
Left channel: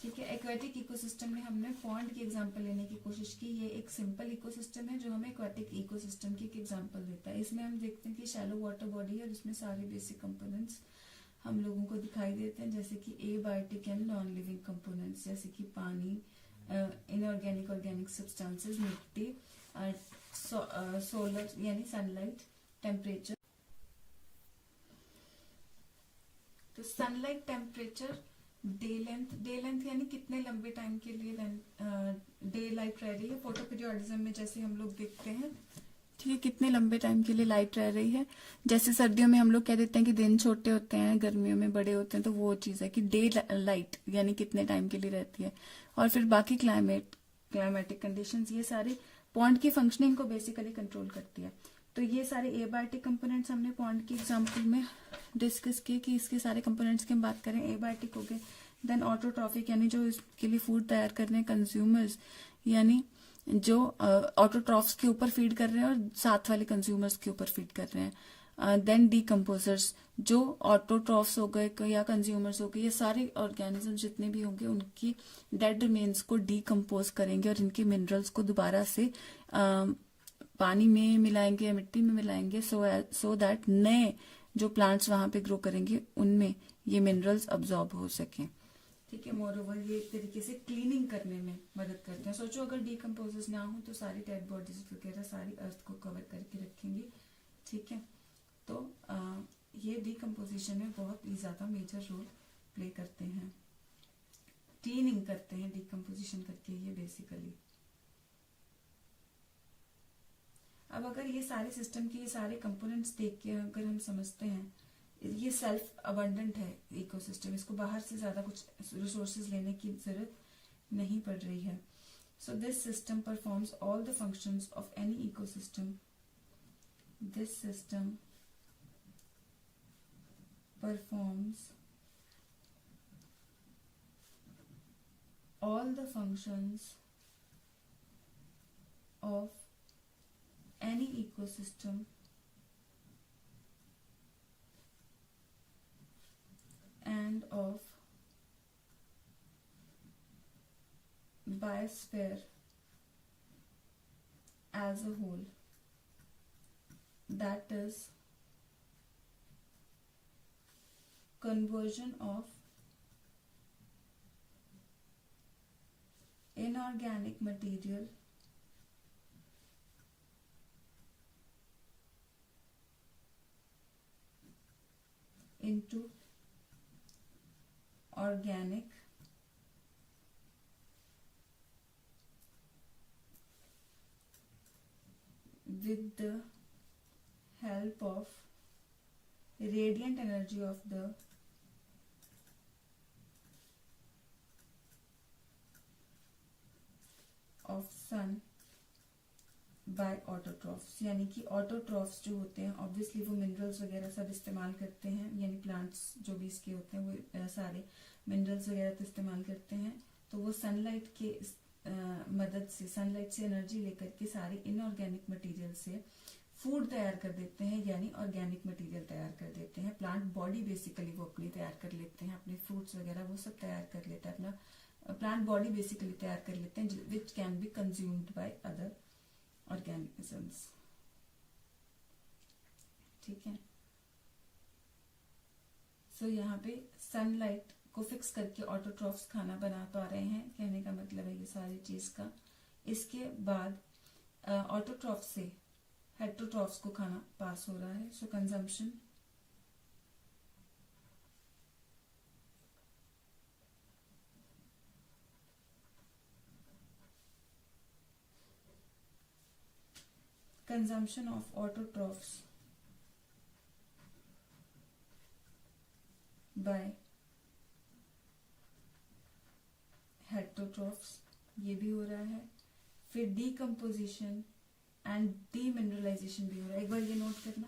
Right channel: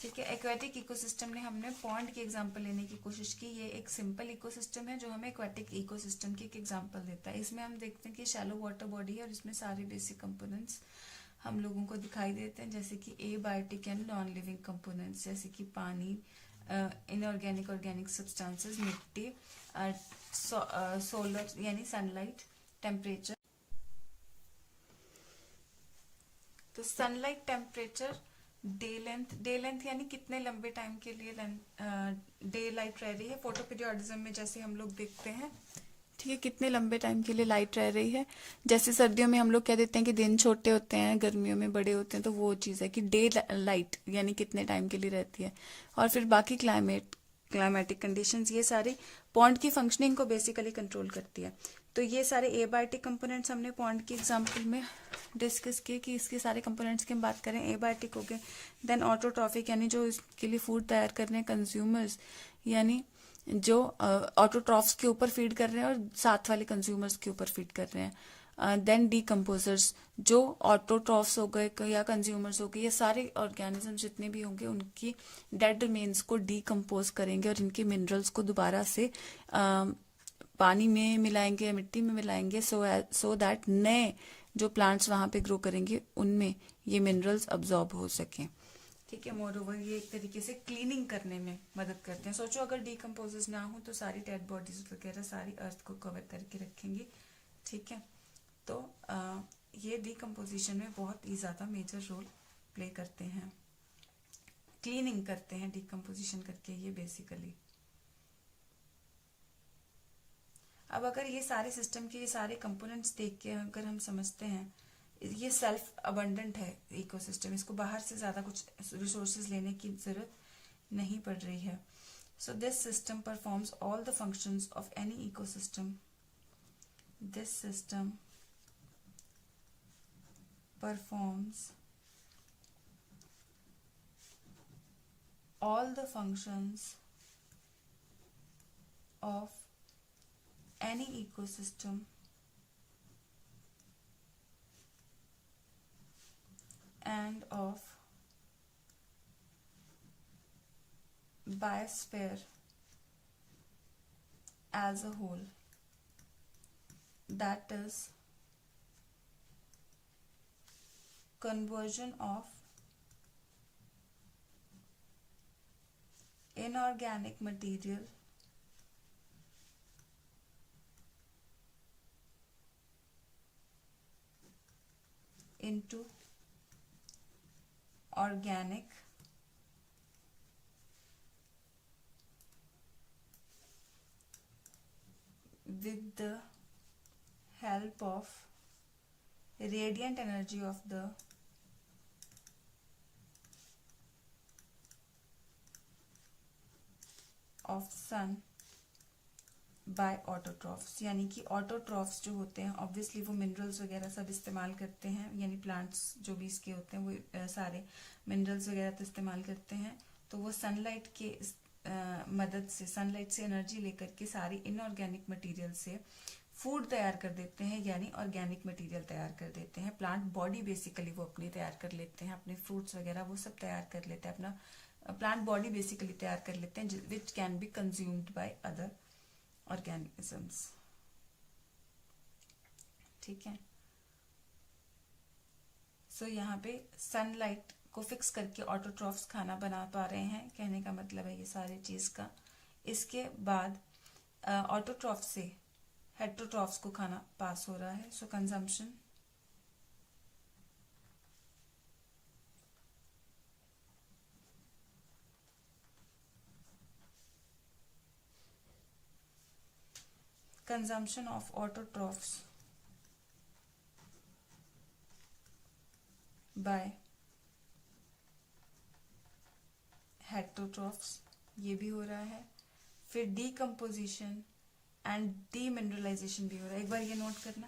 ठीक है, एक्वेटिक इकोसिस्टम में हमने पॉन्ड की एग्जांपल लेने की कोशिश की. ये एक सिंपल इकोसिस्टम है जो हमें एक्वेटिक इकोसिस्टम की एक एग्जांपल देता है. इसमें हम देखते हैं कि शैलो वाटर बॉडी है और इसमें सारे बेसिक कंपोनेंट्स हम लोगों को दिखाई देते हैं, जैसे कि abiotic and non living components, जैसे कि पानी, इनऑर्गेनिक, ऑर्गेनिक सब्सटेंसेस, मिट्टी, सोलर यानी सनलाइट, टेम्परेचर. तो सनलाइट, टेम्परेचर, डे लेंथ यानी कितने लंबे टाइम के लिए डे लाइट रह रही है. फोटो पीरियोडिज्म में जैसे हम लोग देखते हैं, ठीक है, कितने लंबे टाइम के लिए लाइट रह रही है. जैसे सर्दियों में हम लोग कह देते हैं कि दिन छोटे होते हैं, गर्मियों में बड़े होते हैं, तो वो चीज है कि डे लाइट यानी कितने टाइम के लिए रहती है. और फिर बाकी क्लाइमेटिक कंडीशंस, ये सारी पॉन्ड की फंक्शनिंग को बेसिकली कंट्रोल करती है. तो ये सारे एबायोटिक कंपोनेंट्स हमने पॉन्ड की एग्जांपल में डिस्कस किए कि इसके सारे कंपोनेंट्स की हम बात करें, एबायोटिक हो गए. देन ऑटोट्रॉफिक यानी जो इसके लिए फूड तैयार कर रहे हैं, कंज्यूमर्स यानी जो ऑटोट्रॉफ्स के ऊपर फीड कर रहे हैं और साथ वाले कंज्यूमर्स के ऊपर फीड कर रहे हैं. देन डीकम्पोजर्स, जो ऑटोट्रॉफ्स हो गए या कंज्यूमर्स हो गए, ये सारे ऑर्गेनिज्म जितने भी होंगे उनकी डेड रिमेन्स को डीकम्पोज करेंगे और इनके मिनरल्स को दोबारा से पानी में मिलाएंगे या मिट्टी में मिलाएंगे, सो दैट नए जो प्लांट्स वहां पे ग्रो करेंगे उनमें ये मिनरल्स अब्सॉर्ब हो सकें. ठीक है, मोर ओवर ये एक तरीके से क्लीनिंग करने में मदद करते हैं. सोचो अगर डीकम्पोजर्स ना हो तो सारी डेड बॉडीज वगैरह सारी अर्थ को कवर करके रखेंगे. ठीक है, तो ये डीकम्पोजिशन में बहुत ही ज्यादा मेजर रोल प्ले करते हैं, क्लीनिंग करते हैं डीकम्पोजिशन करके ये बेसिकली. अब अगर ये सारे सिस्टम के ये सारे कंपोनेंट्स देख के अगर हम समझते हैं ये सेल्फ अबंडेंट है इकोसिस्टम, इसको बाहर से ज्यादा कुछ रिसोर्सेज लेने की जरूरत नहीं पड़ रही है. So this system performs all the functions of any ecosystem. This system performs all the functions of any ecosystem and of biosphere as a whole, that is conversion of inorganic material into organic with the help of radiant energy of the sun by autotrophs. यानी कि autotrophs जो होते हैं obviously वो minerals वगैरह सब इस्तेमाल करते हैं, यानी प्लांट्स जो भी इसके होते हैं वो सारे मिनरल्स वगैरह तो इस्तेमाल करते हैं। तो वो सनलाइट के मदद से, सनलाइट से एनर्जी लेकर के सारी इनऑर्गेनिक मटेरियल से फूड तैयार कर देते हैं, यानी ऑर्गेनिक मटेरियल तैयार कर देते हैं। प्लांट बॉडी बेसिकली वो अपनी तैयार कर लेते हैं, अपने फ्रूट्स वगैरह वो सब तैयार कर लेते हैं, अपना प्लांट बॉडी बेसिकली तैयार कर लेते हैं, which can be consumed by other organisms. ठीक है, सो यहाँ पे सनलाइट को फिक्स करके ऑटोट्रॉफ्स खाना बना पा रहे हैं, कहने का मतलब है ये सारी चीज का। इसके बाद ऑटोट्रॉफ से हेटरोट्रॉफ्स को खाना पास हो रहा है। सो consumption of autotrophs by heterotrophs, ये भी हो रहा है। फिर डीकम्पोजिशन एंड डीमिनरलाइजेशन भी हो रहा है, एक बार ये नोट करना।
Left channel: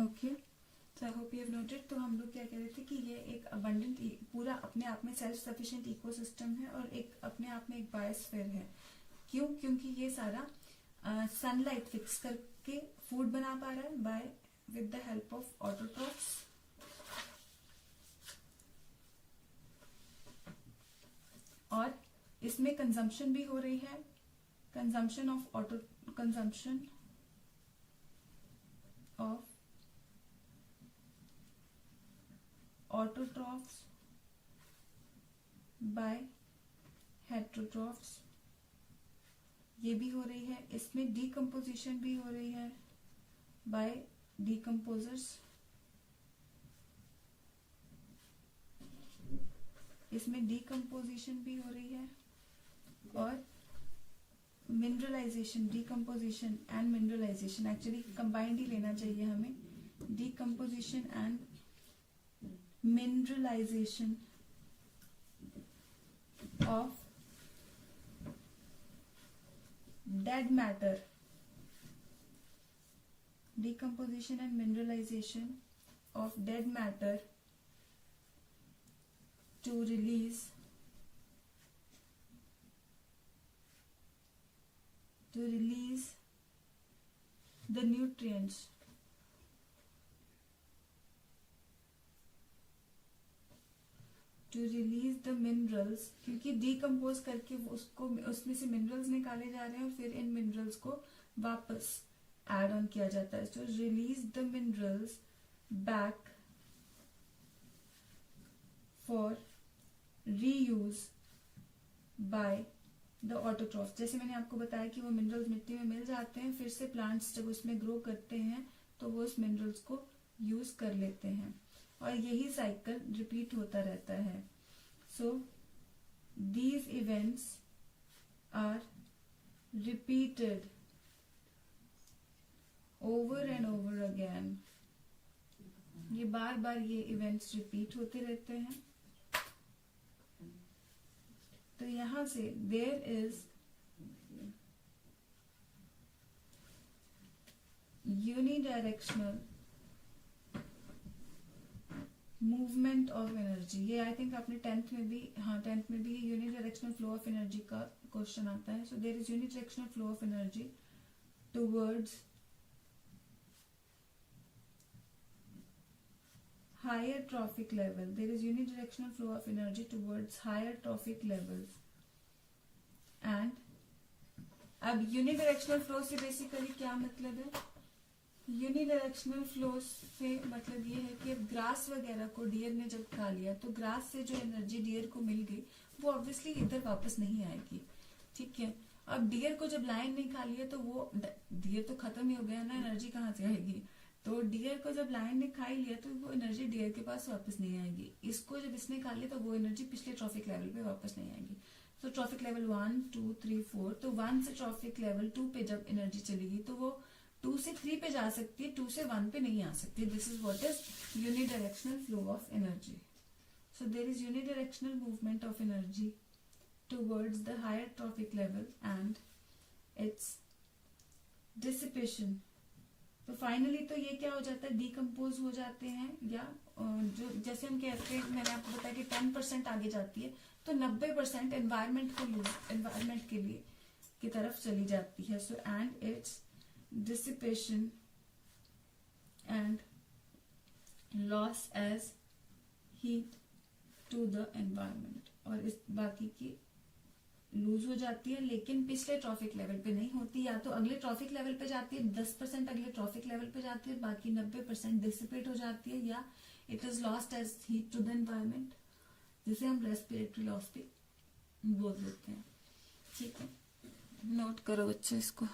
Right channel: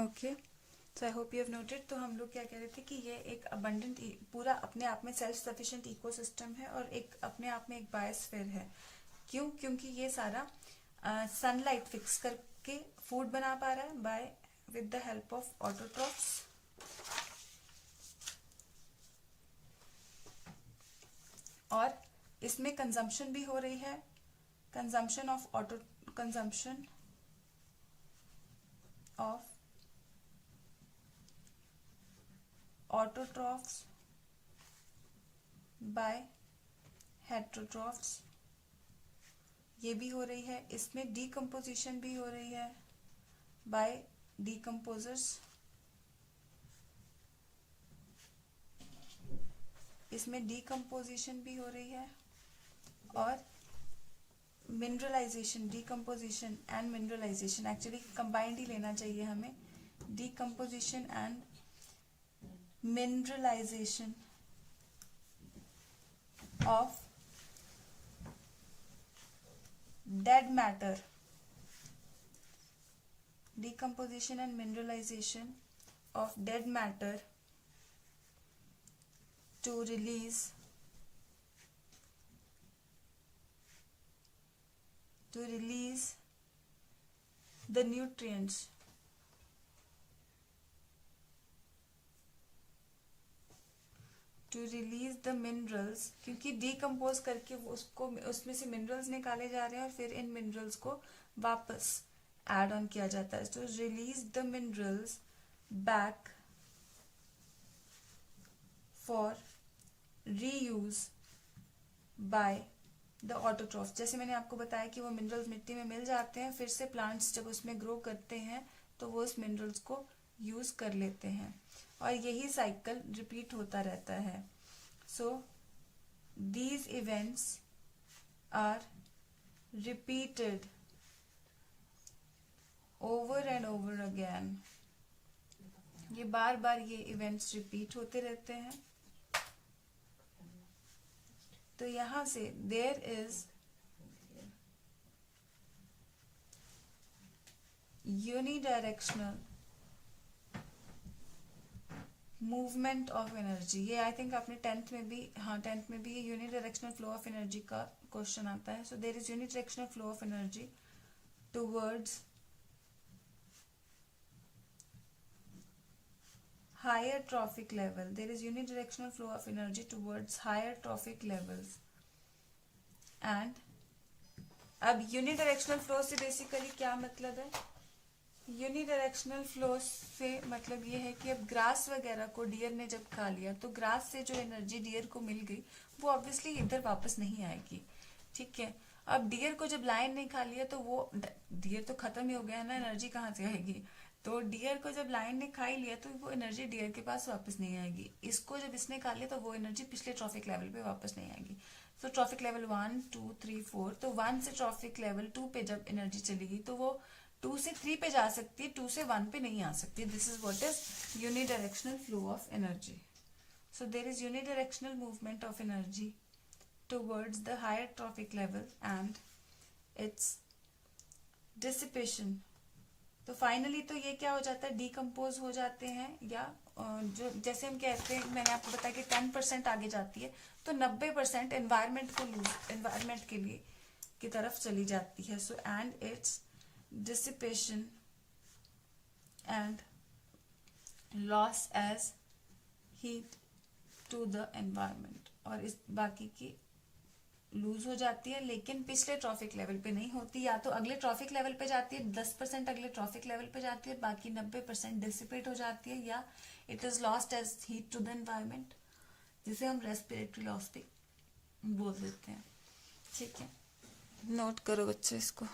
Okay, so I hope you have noted. तो हम लोग क्या कह रहे थे कि ये एक अबंडेंट, पूरा अपने आप में सेल्फ सफिशिएंट इकोसिस्टम है और एक अपने आप में एक बायोस्फीयर है। क्यों? क्योंकि ये सारा सनलाइट फिक्स करके फूड बना पा रहा है by with the help of autotrophs. और इसमें कंजम्पशन भी हो रही है, consumption of autotrophs by heterotrophs, ये भी हो रही है। इसमें डीकम्पोजिशन भी हो रही है बाय डीकम्पोजर्स, इसमें डीकम्पोजिशन भी हो रही है। और mineralisation, decomposition and mineralisation, actually combined ही लेना चाहिए हमें, decomposition and mineralisation of dead matter, decomposition and mineralization of dead matter to release the nutrients, to release the minerals, क्योंकि डिकम्पोज करके उसको उसमें से मिनरल्स निकाले जा रहे हैं और फिर इन मिनरल्स को वापस एड ऑन किया जाता है। तो release the minerals back for reuse by the autotroph. जैसे मैंने आपको बताया कि वो मिनरल्स मिट्टी में मिल जाते हैं, फिर से प्लांट्स जब उसमें ग्रो करते हैं तो वो उस मिनरल्स को यूज कर लेते हैं और यही साइकिल रिपीट होता रहता है। So these events are repeated over and over again, ये बार बार ये इवेंट्स रिपीट होते रहते हैं। तो यहां से there is unidirectional movement of energy. ये आई थिंक आपने टेंथ में भी, हाँ टेंथ में भी ये यूनिडायरेक्शनल फ्लो ऑफ एनर्जी का क्वेश्चन आता है। So there is unidirectional flow of energy towards higher trophic level. There is unidirectional flow of energy towards higher trophic levels. And अब यूनिडायरेक्शनल फ्लो से बेसिकली क्या मतलब है? यूनिडायरेक्शनल फ्लो से मतलब ये है कि अब ग्रास वगैरह को डियर ने जब खा लिया तो ग्रास से जो एनर्जी डियर को मिल गई वो ऑब्वियसली इधर वापस नहीं आएगी, ठीक है। अब डियर को जब लायन ने खा लिया तो वो डियर तो खत्म ही हो गया ना, एनर्जी कहाँ से आएगी? तो डियर को जब लायन ने खा ही लिया तो वो एनर्जी डियर के पास वापस नहीं आएगी। इसको जब इसने खा लिया तो वो एनर्जी पिछले ट्रॉफिक लेवल पे वापस नहीं आएगी। तो ट्रॉफिक लेवल 1, 2, 3, 4, तो 1 से ट्रॉफिक लेवल 2 पे जब एनर्जी चलेगी तो वो 2 से 3 पे जा सकती है, 2 से 1 पे नहीं आ सकती। This is what is unidirectional flow of energy. So there is unidirectional movement of energy towards the higher trophic level and its dissipation. तो फाइनली तो ये क्या हो जाता है, डिकम्पोज हो जाते हैं, या जो जैसे हम कहते हैं, मैंने आपको बताया कि 10% आगे जाती है तो 90% एनवायरमेंट के लिए की तरफ चली जाती है। So and its dissipation and loss as heat to the environment, और इस बाकी की लूज हो जाती है, लेकिन पिछले ट्रॉफिक लेवल पे नहीं होती। या तो अगले ट्रॉफिक लेवल पे जाती है, 10% अगले ट्रॉफिक लेवल पे जाती है, बाकी 90% डिसिपेट हो जाती है, या it is lost as heat to the environment, जिसे हम रेस्पिरेटरी लॉस भी बोल देते हैं, ठीक है। नोट करो बच्चों इसको।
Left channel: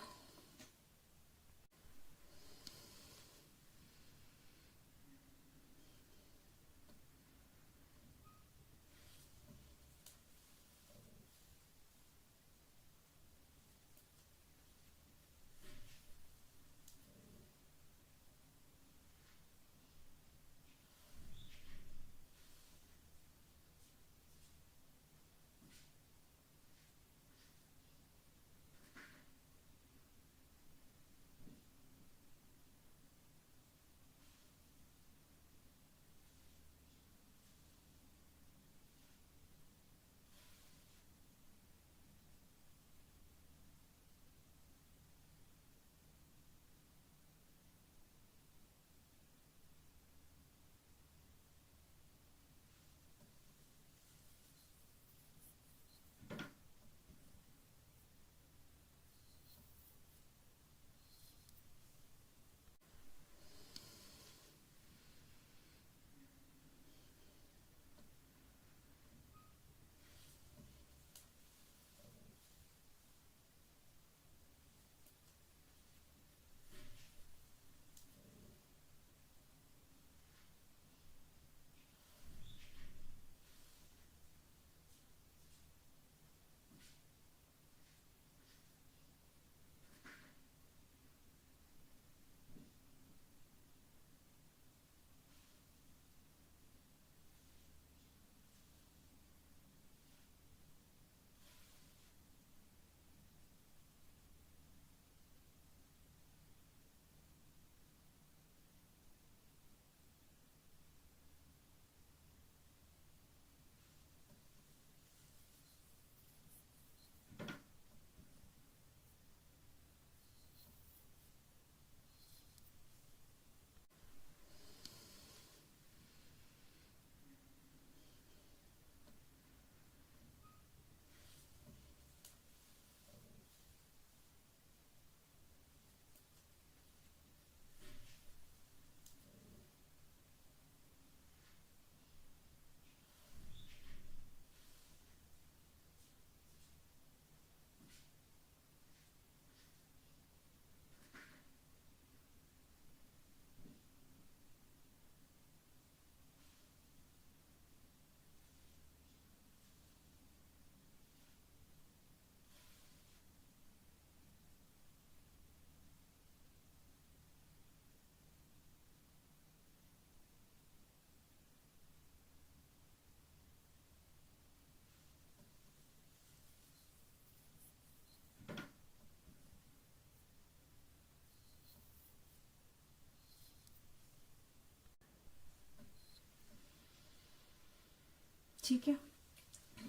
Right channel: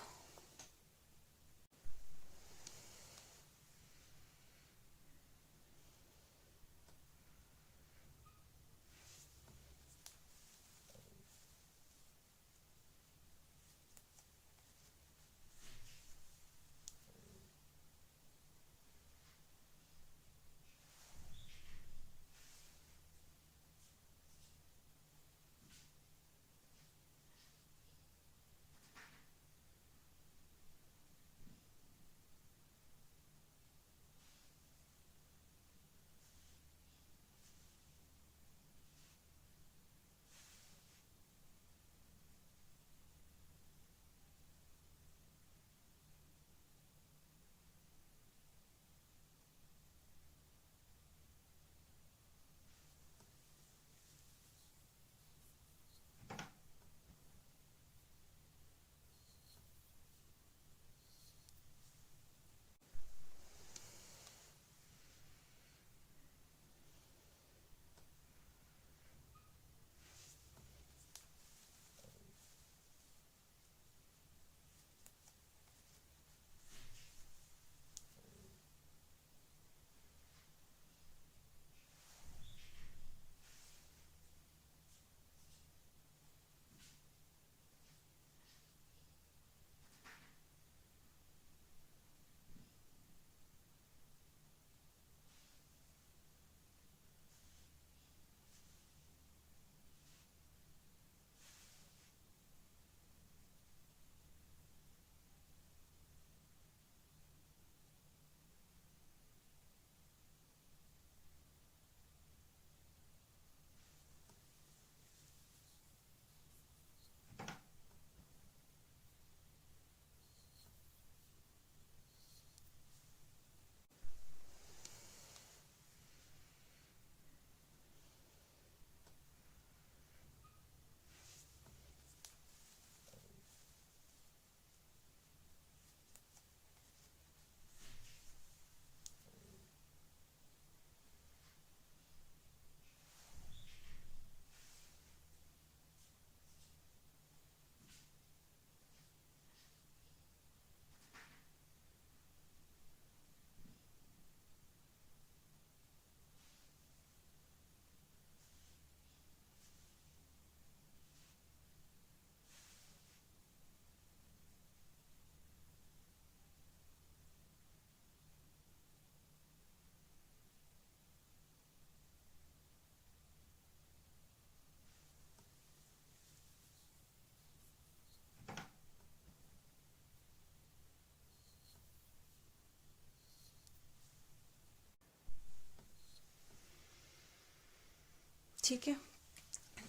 ठीक है।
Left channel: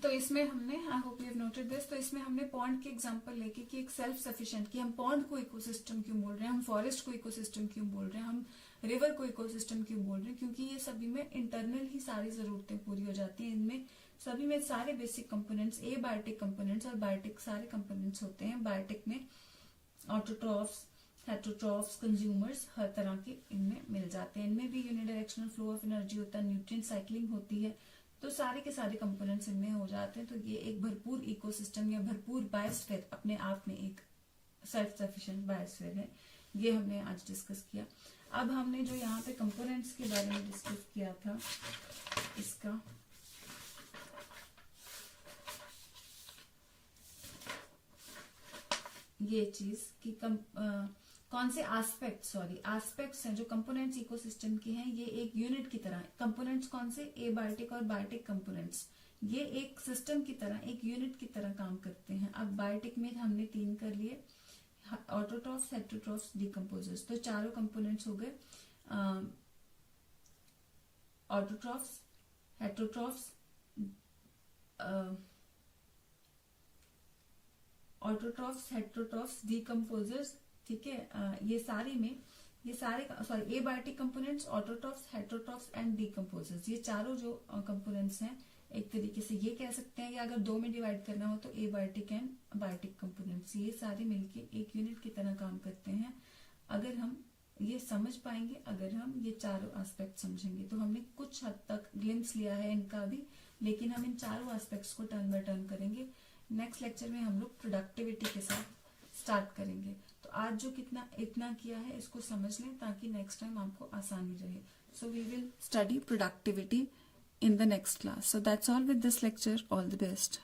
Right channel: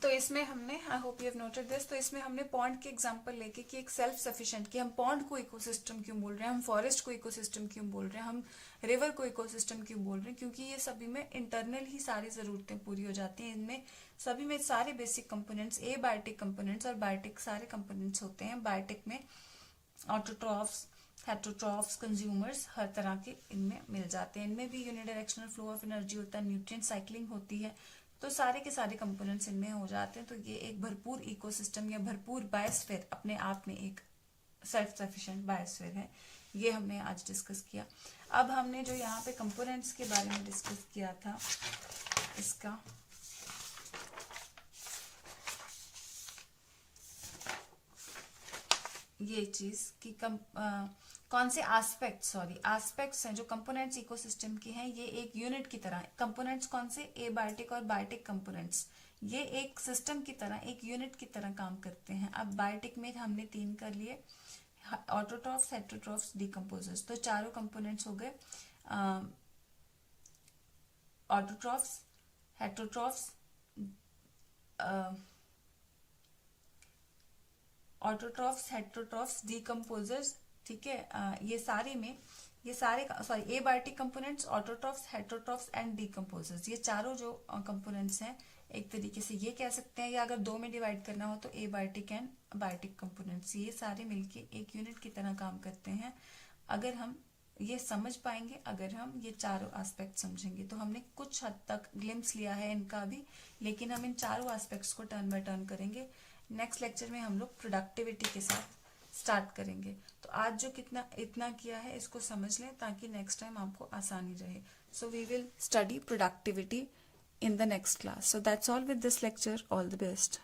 तो इसमें हमने, I hope you have noted this, तो इसमें हमने पॉन्ड के एग्जांपल लेके कि एक सेल्फ सफिशिएंट, कि हम पॉन्ड को इकोसिस्टम क्यों बोल रहे हैं, हम फॉरेस्ट को इकोसिस्टम क्यों बोल रहे हैं, हम रिवर को इकोसिस्टम क्यों बोल रहे हैं, क्योंकि ये सभी में इंटरनल ही सारी जरूरतें पूरी हो जाती हैं। इनमें सभी में सारे बेसिक कंपोनेंट्स, एबायोटिक कंपोनेंट्स और बायोटिक सारे कंपोनेंट्स होते हैं। बायोटिक में ऑटोट्रॉफ्स, हेटरोट्रॉफ्स, कंज्यूमर्स हर तरह के इनमें मिल जाते हैं। इनमें भी यूनिडायरेक्शनल फ्लो ऑफ एनर्जी होता है, न्यूट्रिएंट साइक्लिंग होती है, तो सारे के सारे कंपोनेंट्स इनमें हो जाते हैं। तो ये एक भरपूर इकोसिस्टम या भरपूर बायोस्फीयर अपने आप में एक सेल्फ सफिशिएंट बायोस्फीयर है। ये हमने आज डिस्कस किया। अब हमने जो यहाँ पे कंपोनेंट्स के बारे में डिस्कस किया था, इसका ये चीज कि कौन से एस्पेक्ट्स हैं जो कंपोनेंट्स इकोसिस्टम के हैं, ये एक यूनिट की तरह, कंपोनेंट्स कौन से, एबायोटिक और बायोटिक कंपोनेंट्स, ये एक सिस्टम की तरह, एक यूनिट की तरह काम करते हैं। अब बायोटिक में हमने 3 कर लिए, ऑटोट्रॉफ्स, हेटरोट्रॉफ्स, डिकम्पोजर्स। तो चारों कंपोनेंट्स हो गए, ऑटोट्रॉफ्स, हेटरोट्रॉफ्स, हेटरोट्रॉफ्स, डिकम्पोजर्स। ठीक है, ये सारे abiotic components, autotrophs, heterotrophs and decomposers, ये चारों जो कंपोनेंट्स हैं, एक तरीके से ये कह सकते हैं, या अगर 2 में डिवाइड करना हो तो एबायोटिक एंड बायोटिक कंपोनेंट्स, ये सारे मिलके एक यूनिट की तरह काम करते हैं। अगर हम ये समझ पाएंगे, अगर हम ये चारों एस्पेक्ट समझेंगे, तो हमने कुछ हद तक ग्लिम्स लिया है इनका भी, लेकिन हम इन चारों एस्पेक्ट्स को टर्न बाय टर्न करेंगे। नेक्स्ट लेक्चर में हम लोग प्रोडक्टिविटी के साथ स्टार्ट करेंगे। तो आज जो इतना किया है इसको समझ लें ताकि नेक्स्ट टाइम आपको आसानी रहे। So we will study productivity in the next class. So that's all with this lecture. All the best.